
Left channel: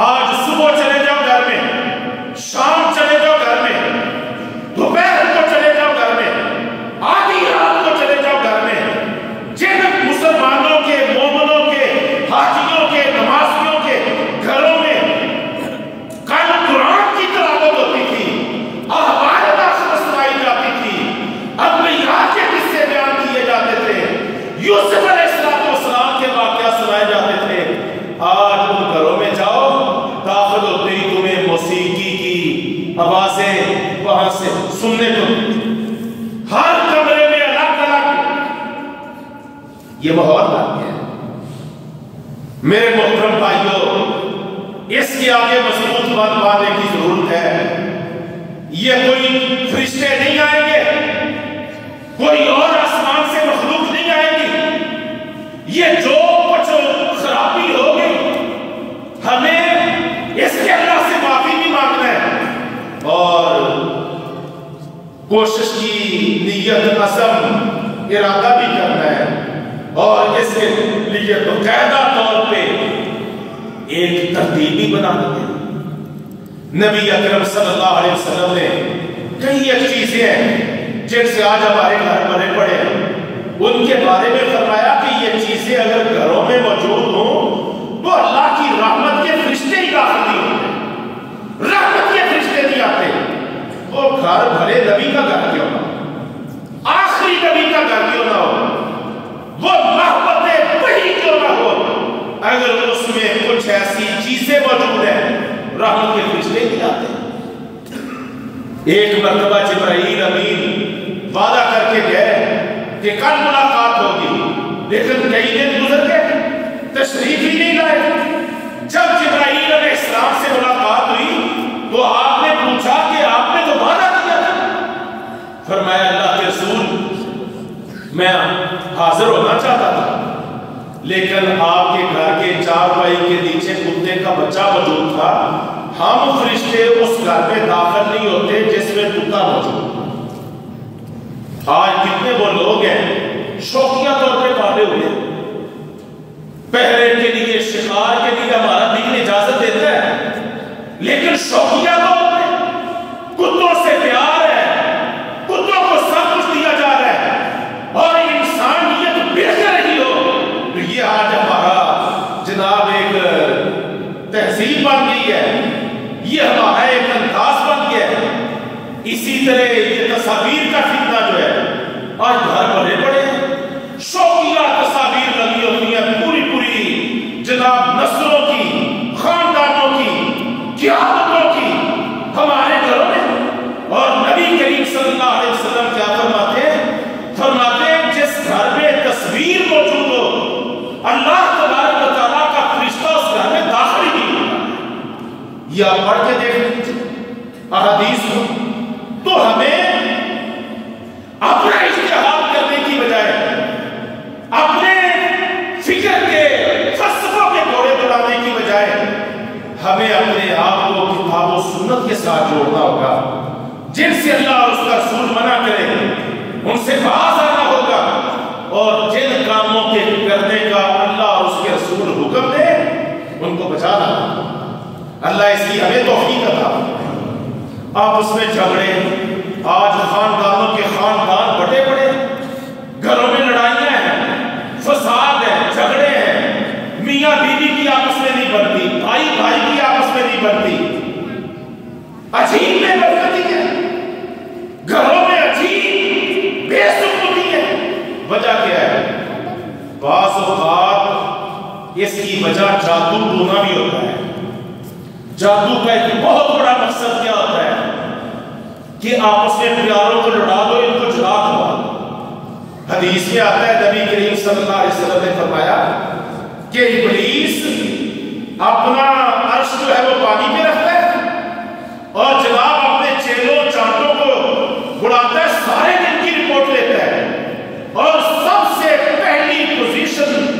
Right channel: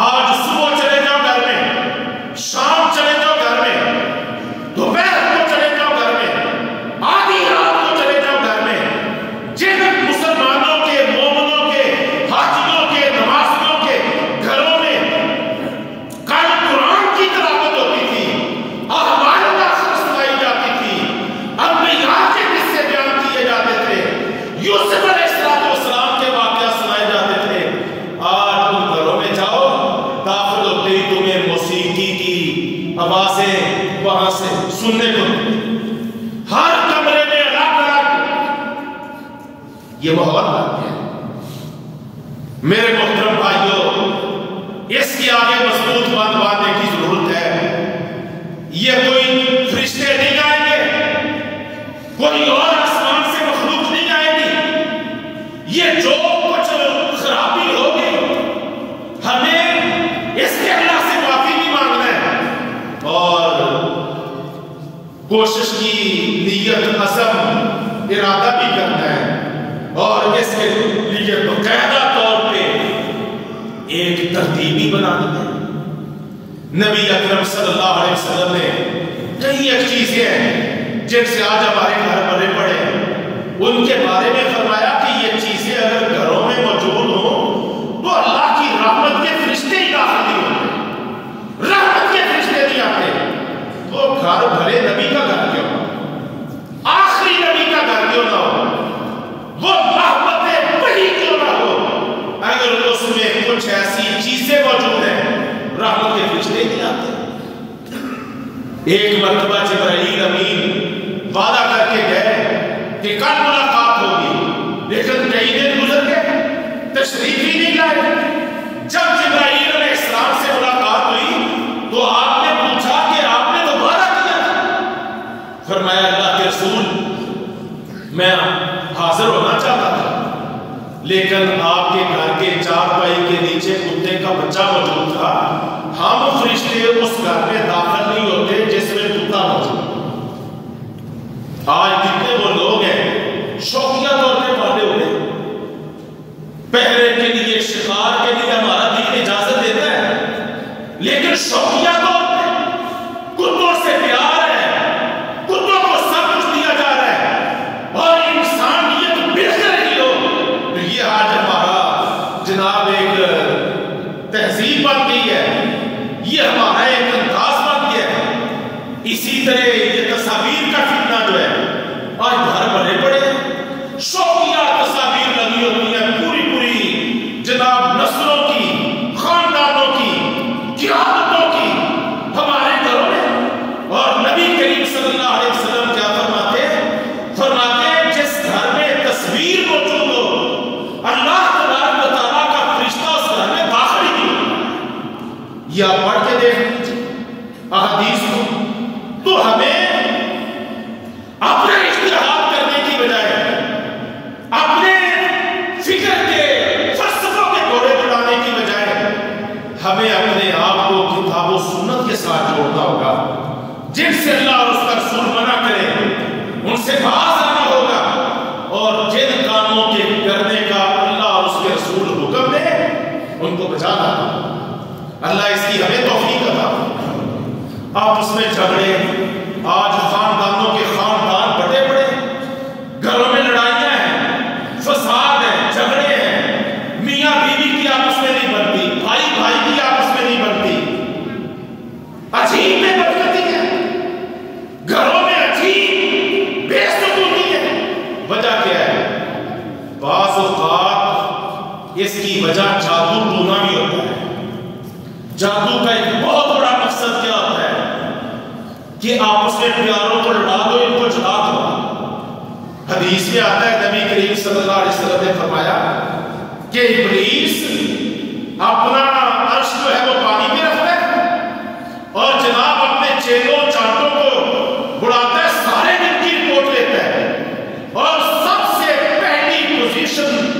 آج صبح چلے جاؤ گھر میں، شام چلے جاؤ گھر میں، دوپہر کو چلے جاؤ گھر میں، آدھی رات کو چلے جاؤ گھر میں، جن مسلمانوں کے، مومنوں کے، حاجیوں کے، نمازیوں کے گھروں میں کل قرآن کی تلاوت ہوتی تھی، اخبار سنائی جاتی تھی، انبیاء کے قصے بیان کیے جاتے تھے، یوسف علیہ السلام کے واقعات سنائے جاتے تھے، آج ان گھروں میں جاؤ، داخل ہوتے ہی تمہیں موسیقی کی آوازیں وہاں سے سننے کو، ہر کمرے میں الگ الگ یہ ماحول بن گیا۔ میرے محترم بھائیوں، اس کے آگے مضبوط بات ماننے کی ضرورت ہے، یہ کوئی فرشتے نہیں آئیں گے، کوئی اور آسمان سے مخلوق نہیں آئے گی، یہ جو کچھ خرابی ہوگی ہمیں اس کے اللہ سے معافی بھی مانگنا ہے اور کوشش کی نیت، عزم، ارادہ بھی کرنا ہے اور اس کے لیے باقاعدہ طور پہ ایک ترتیب بھی بنانی ہے۔ نبی اکرم صلی اللہ علیہ وسلم نے کئی ایک چیزیں ہیں جن سے آج ہمارے گھر بھرے پڑے ہیں، ان کے بارے میں فرمایا کہ یہ چیزیں اگر گھروں میں موجود ہوں تو اللہ کی رحمت کے فرشتے ہی داخل نہیں ہوتے، رحمت کے فرشتے نہیں آتے۔ وہ گھر بھرے نبی کا گھر کیوں نہ ہو، آخری نبی کا گھر کیوں نہ ہو، وہ محبت بڑی کیوں نہ ہو، اگر اس میں کچھ ایسی چیزیں موجود ہیں رحمت کے فرشتے نہیں آتے۔ ایک مرتبہ جبرائیل امین وعدہ کر کے گئے کہ کل ملاقات ہوگی، لیکن کئی دن گزر گئے، تشریف ہی نہیں لائے۔ جب جبرائیل علیہ السلام سے ملاقات ہوئی تو آپ نے پوچھا کہ آپ نے تو وعدہ کیا تھا۔ فرمایا اللہ کے رسول، میں حاضر ہونا چاہتا تھا، لیکن آپ کے گھر کے چارپائی کے نیچے کتے کا بچہ موجود تھا، ہم فرشتے اس گھر میں داخل نہیں ہوتے جس میں کتا موجود۔ آج کتنے وہ لوگ ہیں شوقیہ طور پہ پالے ہوئے، پہرے کے لیے، شکار کے لیے ہمارا دین اجازت دیتا ہے، لیکن شوقیہ طور پہ کتوں سے پیار ہے، کتوں کو سب کچھ دیا جا رہا ہے اور انسانیت بہتر ہی ہو، تو یہ آج ہمارا جناب ایک تہذیب بن گئی ہے، یہ ہمارا ایک انداز بن گیا ہے۔ اسی طرح یہ تصاویر کا فتنہ جو ہے آج گھر بھرے پڑے ہیں، شوقیہ تصاویر لگی ہوتی ہیں، پوری پوری جناب نسلوں کی، خاندانوں کی، قیادتوں کی ہمارے گھروں میں، اور نبی کریم صلی اللہ علیہ وسلم کیا فرماتے ہیں؟ فرماتے ہیں جس گھر میں تصویر موجود ہو اللہ تبارک و تعالیٰ کا فرشتہ اس گھر میں داخل ہی نہیں ہوتا۔ یہ آپ پڑھ کے دیکھ لیجیے احادیث کو، تو ہمیں اپنا اجتہاد کرنے کی بجائے اپنے فکر کے فلسفوں کے گھوڑے بنانے کی بجائے ہمیں اپنے آپ کو کتاب و سنت کے ساتھ جوڑنا ہوگا، جن سے اللہ اور اس کا رسول منع کرے ان سے باز آنا ہوگا، اور جن کاموں کے کرنے کا اللہ اور اس کے رسول حکم دے ان کو بچانا۔ اللہ اس کی ہمیں توفیق عطا فرمائے۔ آپس میں جھگڑے، آج خاندانوں کے خاندان بڑے بڑے، گھروں میں لڑائیاں ہیں، فساد ہے، جھگڑے ہیں، میاں بیوی کی آپس میں نہیں بنتی، بھائی بھائی کی آپس میں نہیں بنتی، عجیب میں بدبختی ہے، گھروں میں عجیب بے سکونی ہے۔ وجہ کیا ہے؟ بعض اوقات اس کی وجہ جادو ٹونا بھی ہوتا ہے۔ جادو کا ایک بہت بڑا مقصد کیا ہوتا ہے کہ آپس میں پیاروں کو لڑا دو، ان کو جدا دو۔ حدیث میں آتا ہے نبی کریم صلی اللہ علیہ وسلم نے فرمایا کہ ابلیس اپنا عرش جو ہے وہ پانی پہ رکھتا ہے اور جناب اپنے چیلوں چانٹوں کو اڑاتا ہے، سارے دن کی رپورٹ لیتا ہے اور سب سے پہلی پوزیشن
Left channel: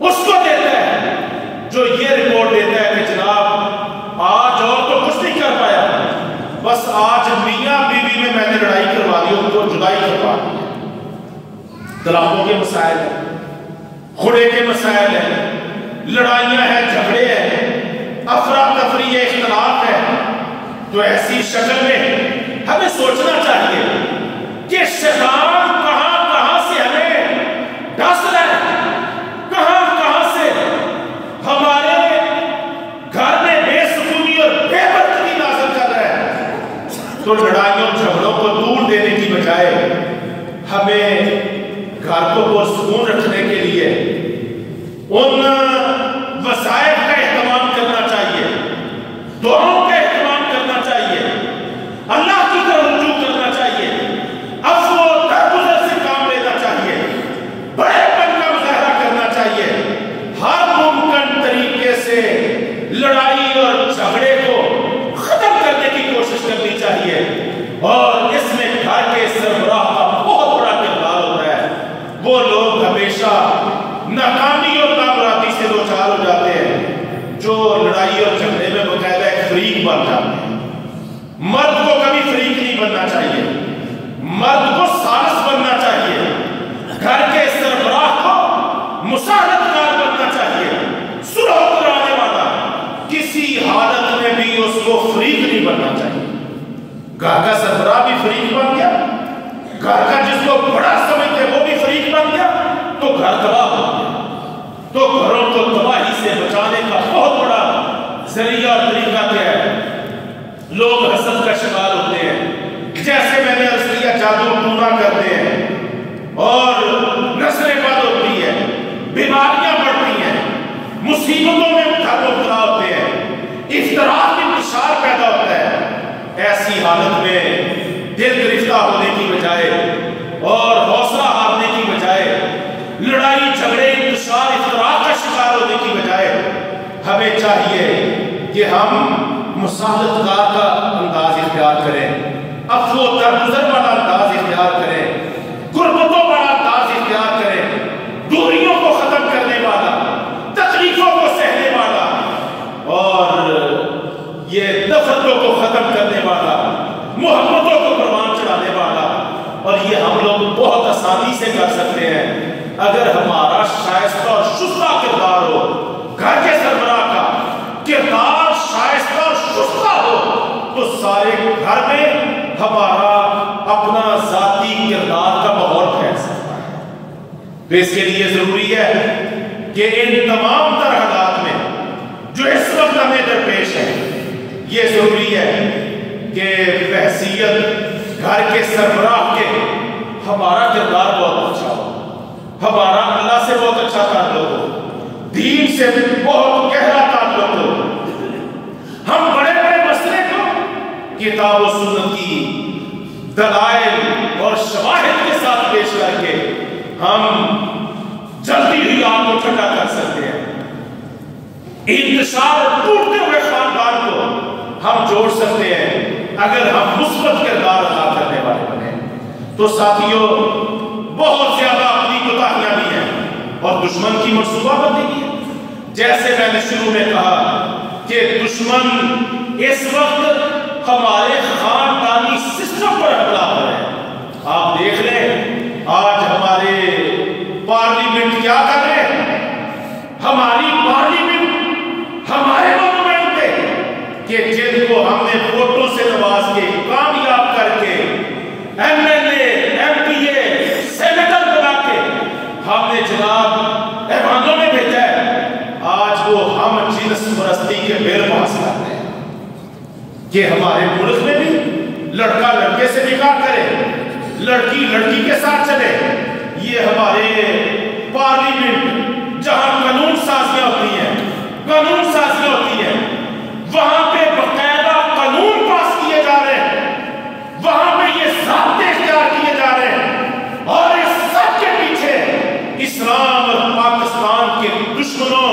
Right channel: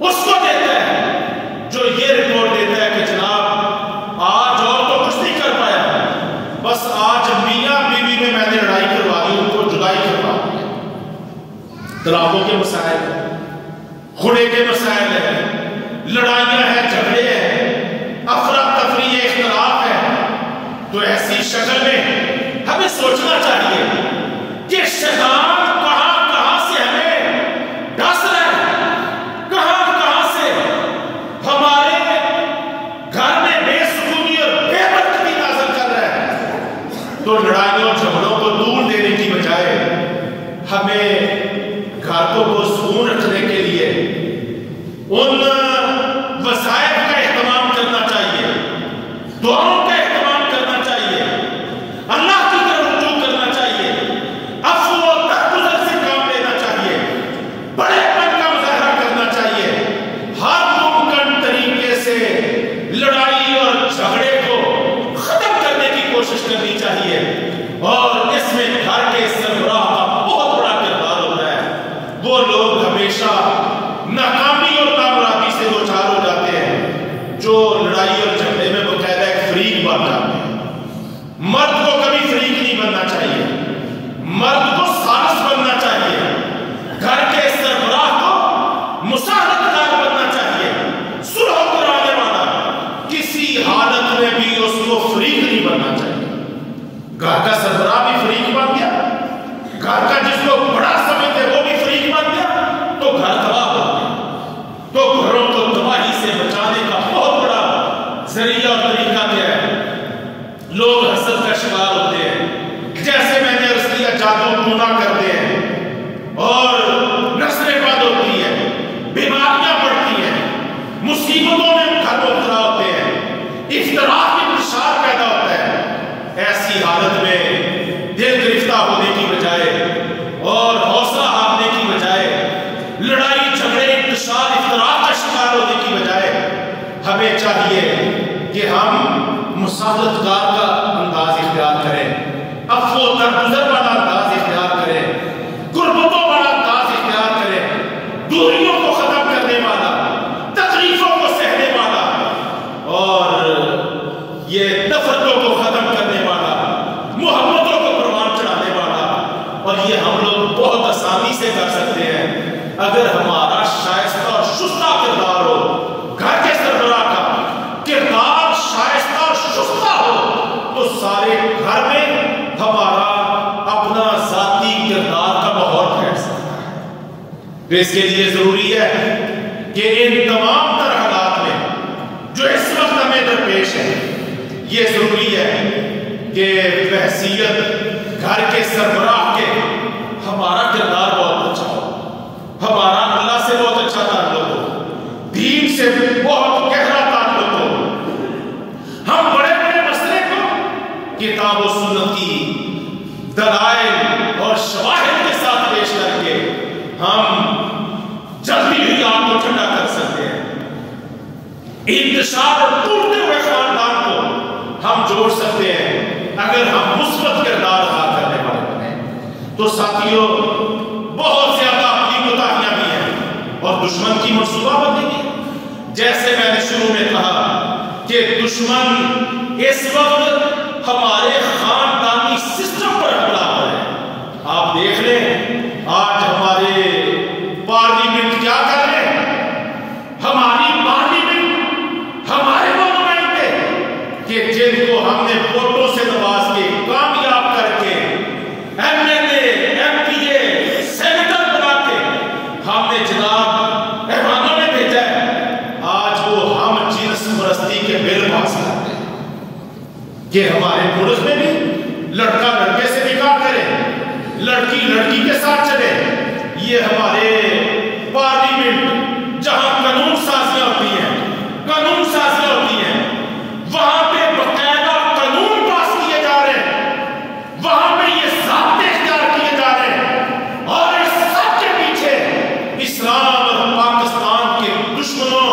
اس کو دیتا ہے جو یہ رپورٹ دیتا ہے کہ جناب آج اور تو کچھ نہیں کر پایا، بس آج میاں بیوی میں نے لڑائی کروا دی، ان کو جدائی کروا دی۔ طلاقوں کے مسائل ہیں، خڑے کے مسائل ہیں، لڑائیاں ہیں، جھگڑے ہیں، افراتفری ہے، اختلاف ہے۔ تو ایسی شکل میں ہمیں سوچنا چاہیے کہ شیطان کہاں کہاں سے ہمیں ڈس رہا ہے، کہاں کہاں سے ہمارے گھر میں بے سکونی اور بے برکتی نازل کر رہا ہے۔ تو لڑائیوں جھگڑوں کو دور دینے کی بجائے ہمیں گھر کو پرسکون رکھنے کے لیے ان وسائل کا اہتمام کرنا چاہیے، دعاؤں کا اہتمام کرنا چاہیے، اللہ کی طرف رجوع کرنا چاہیے، عفو و درگزر سے کام لینا چاہیے، بڑے پن کا مظاہرہ کرنا چاہیے، ہر ممکن طریقے سے لڑائی اور جھگڑے کو ختم کرنے کی کوشش کرنی چاہیے۔ اور اس میں گھر کے سربراہ کا بہت بڑا کردار ہوتا ہے۔ وہ لوگ ہمیشہ ناکامی اور کامیابی سے دوچار ہو جاتے ہیں جو لڑائی اور جھگڑے میں باقاعدہ ایک فریق بن جاتے ہیں۔ مرد کو کبھی فریق نہیں بننا چاہیے، مرد کو سالس بننا چاہیے، گھر کے سربراہ کو مساعدت کار بننا چاہیے، صلح کرانے والا، کسی حالت میں بھی اس کو فریق نہیں بننا چاہیے۔ گھر کا سربراہ بھی فریق بن گیا، گھر کا جس کو بڑا سمجھتے وہ بھی فریق بن گیا، تو گھر تباہ ہو گیا۔ تو گھروں کو تباہی سے بچانے کا بہت بڑا ذریعہ اور طریقہ کیا ہے؟ لوگ حسد کا شکار ہوتے ہیں، جیسے میں نے عرض کیا جادو ٹونا کرتے ہیں اور نسلیں بند ہوتی ہیں، بیماریاں بڑھتی ہیں، مصیبتوں میں گھر مبتلا ہوتے ہیں، اختلاف کی انتشار پیدا ہوتا ہے۔ ایسی حالت میں دل گرفتہ ہونے کی بجائے اور حوصلہ ہارنے کی بجائے، لڑائی جھگڑے انتشار اختلاف کا شکار ہونے کی بجائے ہمیں چاہیے کہ ہم مساعدت کار کا انداز اختیار کریں، عفو و درگزر والا انداز اختیار کریں، غربتوں والا انداز اختیار کریں، دوریوں کو ختم کرنے والا، تکلیفوں کو سہنے والا اور یہ نفرتوں کو ختم کرنے والا، محبتوں کو پروان چڑھانے والا۔ اور یہ ہم لوگ بہت آسانی سے کر سکتے ہیں اگر ہمارا شائستہ اور شستہ کردار ہو، گھر کے سربراہ کا کردار شائستہ اور شستہ ہو تو سارے گھر میں ہمارا اپنا ذاتی کردار کا ماحول پھیل سکتا ہے۔ تو اس کے لیے ضروری ہے کہ ان تمام تر حالات میں جو اس وقت ہمیں درپیش ہے، یہ ضروری ہے کہ بحیثیت گھر کے سربراہ کے ہمارا کردار بہت اچھا ہو، ہمارا اللہ سے بہت اچھا تعلق ہو، دین سے بہت گہرا تعلق ہو، ہم بڑے بڑے مسئلے کو کتاب و سنت کی دلائل اور شواہد کے ساتھ پیش کر کے ہم جلدی بھی آگ کو ٹھنڈا کر سکتے ہیں۔ انتشار اور ٹوٹتے ہوئے خاندان کو ہم جوڑ سکتے ہیں اگر ہم مثبت کردار ادا کرنے والے ہیں۔ تو ساتھیوں، بہت زیادہ اپنی کوتاہیاں بھی ہیں اور دشمن کی منصوبہ بندی بھی ہے۔ جیسے میں نے شروع میں کہا کہ دشمن اس وقت ہمارے خاندانی سسٹم پر حملہ کر رہے ہیں۔ آپ دیکھ لیں آج ہمارے پارلیمنٹ کیا کر رہے ہیں، ہماری پارلیمنٹ، ہمارے نمائندے کہ جن کو ہم نے ووٹوں سے نواز کے کامیاب کر کے M L A, M P A, senator بنا کے ہم نے جناب ایوانوں میں بھیجا ہے، آج وہ ہم جنس پرستی کے بل پاس کرتے ہیں کہ ہمارے ملک میں بھی لڑکا لڑکے سے نکاح کرے، لڑکی لڑکی کے ساتھ چلے۔ یہ ہمارے پارلیمنٹ جہاں قانون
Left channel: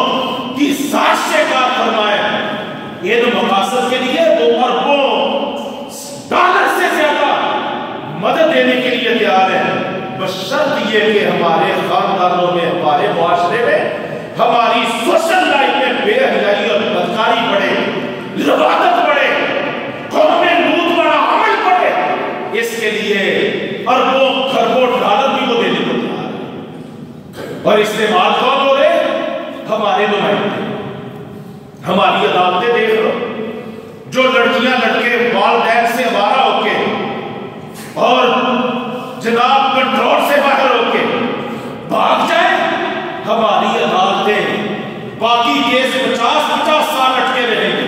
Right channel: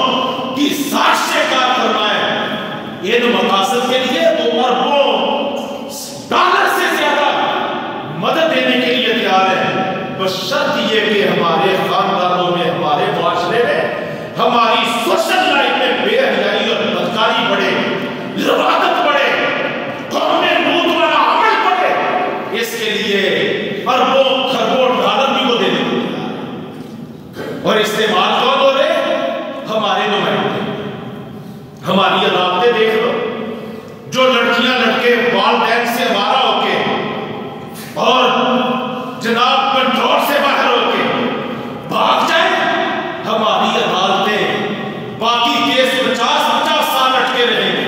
دشمنوں کی سازشیں کار فرمائے، ان مقاصد کے لیے وہ اربوں ڈالر سے زیادہ مدد دینے کے لیے تیار ہے، بشرط یہ کہ ہمارے خاندانوں میں، ہمارے معاشرے میں، ہماری سوشل لائف میں بے حیائی اور بدکاری بڑھے، لواطت بڑھے، قوم میں لوٹ بڑا عمل بڑھے، اس کے لیے اربوں خربوں ڈالر بھی وہ دینے کو تیار ہے۔ اور استعمال کون ہو رہے؟ ہمارے نمائندے۔ ہماری عدالتیں دیکھ لو، جو لڑکیاں لڑکے والدین سے وارا ہو کے اور جناب کنٹرول سے باہر ہو کے بھاگ جائیں، ہماری عدالتیں باقی کیس 50-50 سال اٹکے رہیں گے،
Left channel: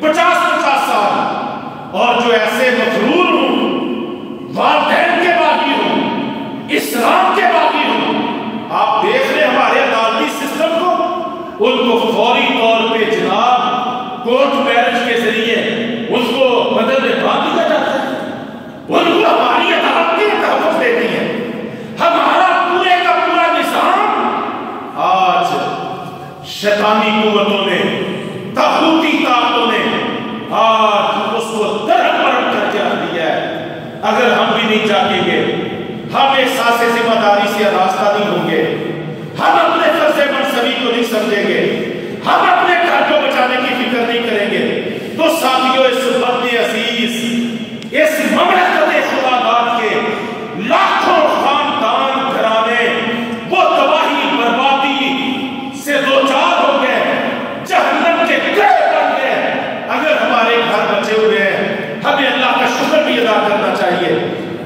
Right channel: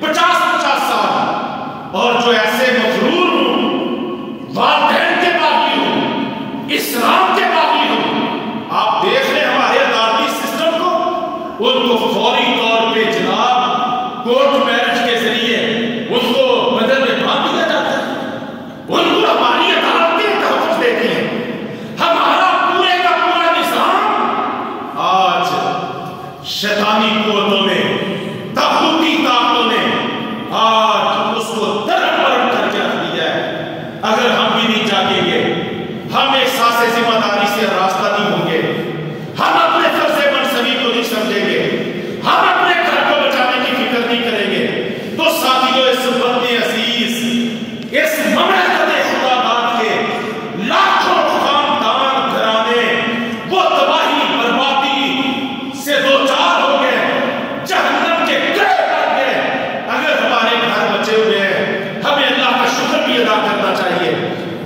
50-50 سال۔ اور جو ایسے مغرور ہوں، والدین کے باغی ہوں، اسلام کے باغی ہوں، آپ دیکھ رہے ہمارے عدالتی سسٹم کو، ان کو فوری طور پہ جناب کورٹ میرج کے ذریعے ان کو بدل میں باندھ دیا جاتا ہے، ان کو ہماری عدالتیں تحفظ دیتی ہیں۔ ہمارا پورے کا پورا نظام آج شیطانی قوتوں نے، طاغوتی طاقتوں نے آج اس کو درہم برہم کر کے رکھ دیا ہے۔ اگر ہم بھی نہیں جاگیں گے، ہم احساس ذمہ داری سے راستہ نہیں ہوں گے، ہم اپنے فرض منصبی کو نہیں سمجھیں گے، ہم اپنے گھر کو بچانے کی فکر نہیں کریں گے، تو ساتھیوں اس وطن عزیز، اس مملکت خدا داد کے لاکھوں خاندان گھرانے وہ تباہی بربادی سے دو چار ہو گئے، جہنم کے گڑھے بن گئے۔ اگر ہمارے گھر بچے ہوئے ہیں، ہمیں اللہ کا شکر بھی ادا کرنا چاہیے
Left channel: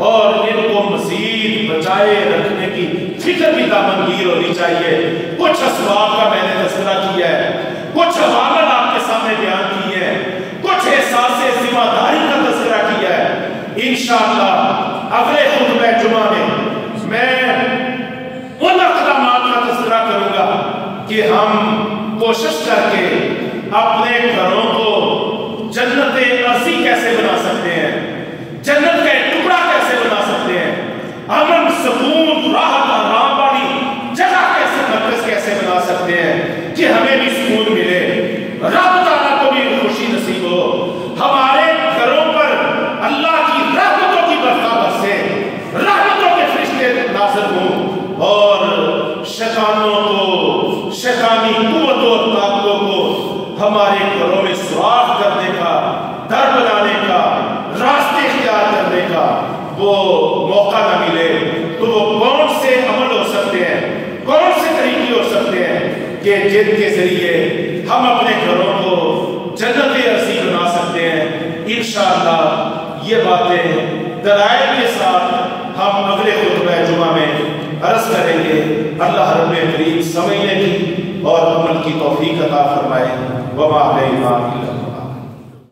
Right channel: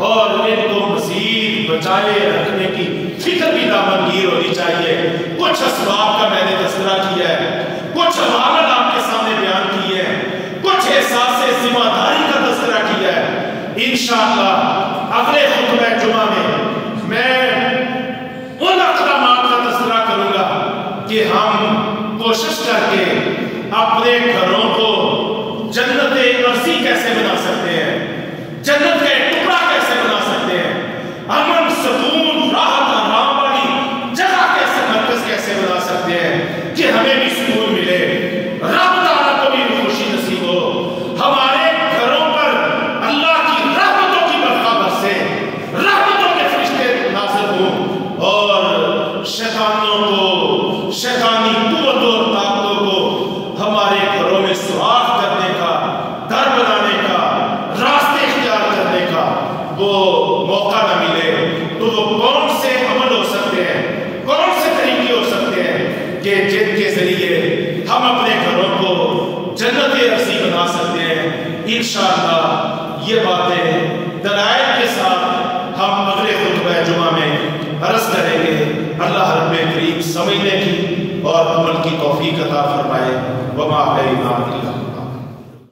اور ان کو مزید بچائے رکھنے کی فکر بھی دامنگیر ہونی چاہیے۔ کچھ اسباب کا میں نے تذکرہ کیا ہے، کچھ عوامل آپ کے سامنے بیان کیے ہیں، کچھ احساس ذمہ داری کا تذکرہ کیا ہے۔ انشاءاللہ اگلے خطبہ جمعہ میں ان اقدامات کا تذکرہ کروں گا کہ ہم کوشش کر کے اپنے گھروں کو جنت ارضی کیسے بنا سکتے ہیں، جنت کا ایک ٹکڑا کیسے بنا سکتے ہیں، امن سکون راحت آرام والی جگہ کیسے، مرکز کیسے بنا سکتے ہیں کہ ہمیں بھی سکون ملے، رب تعالیٰ کو بھی خوشی نصیب ہو، ہمارے گھروں پر اللہ کی رحمتوں کی برکت برسے، رحمتوں کے فرشتے نازل ہوں اور شیطانوں کو، شیطانی قوتوں اور طاقتوں کو ہمارے گھروں میں سوراخ کرنے کا، در بنانے کا، راستے اختیار کرنے کا وہ موقع نہ ملے۔ تو وہ کون سے عمل ہو سکتے ہیں، کون سے طریقے ہو سکتے ہیں کہ جن کے ذریعے ہم اپنے گھروں کو جنت ارضی بنا سکتے ہیں۔ انشاءاللہ یہ باتیں دلائل کے ساتھ ہم اگلے خطبہ جمعہ میں عرض کریں گے۔ اللہ رب کریم سمجھنے کی اور عمل کی توفیق عطا فرمائے۔ وما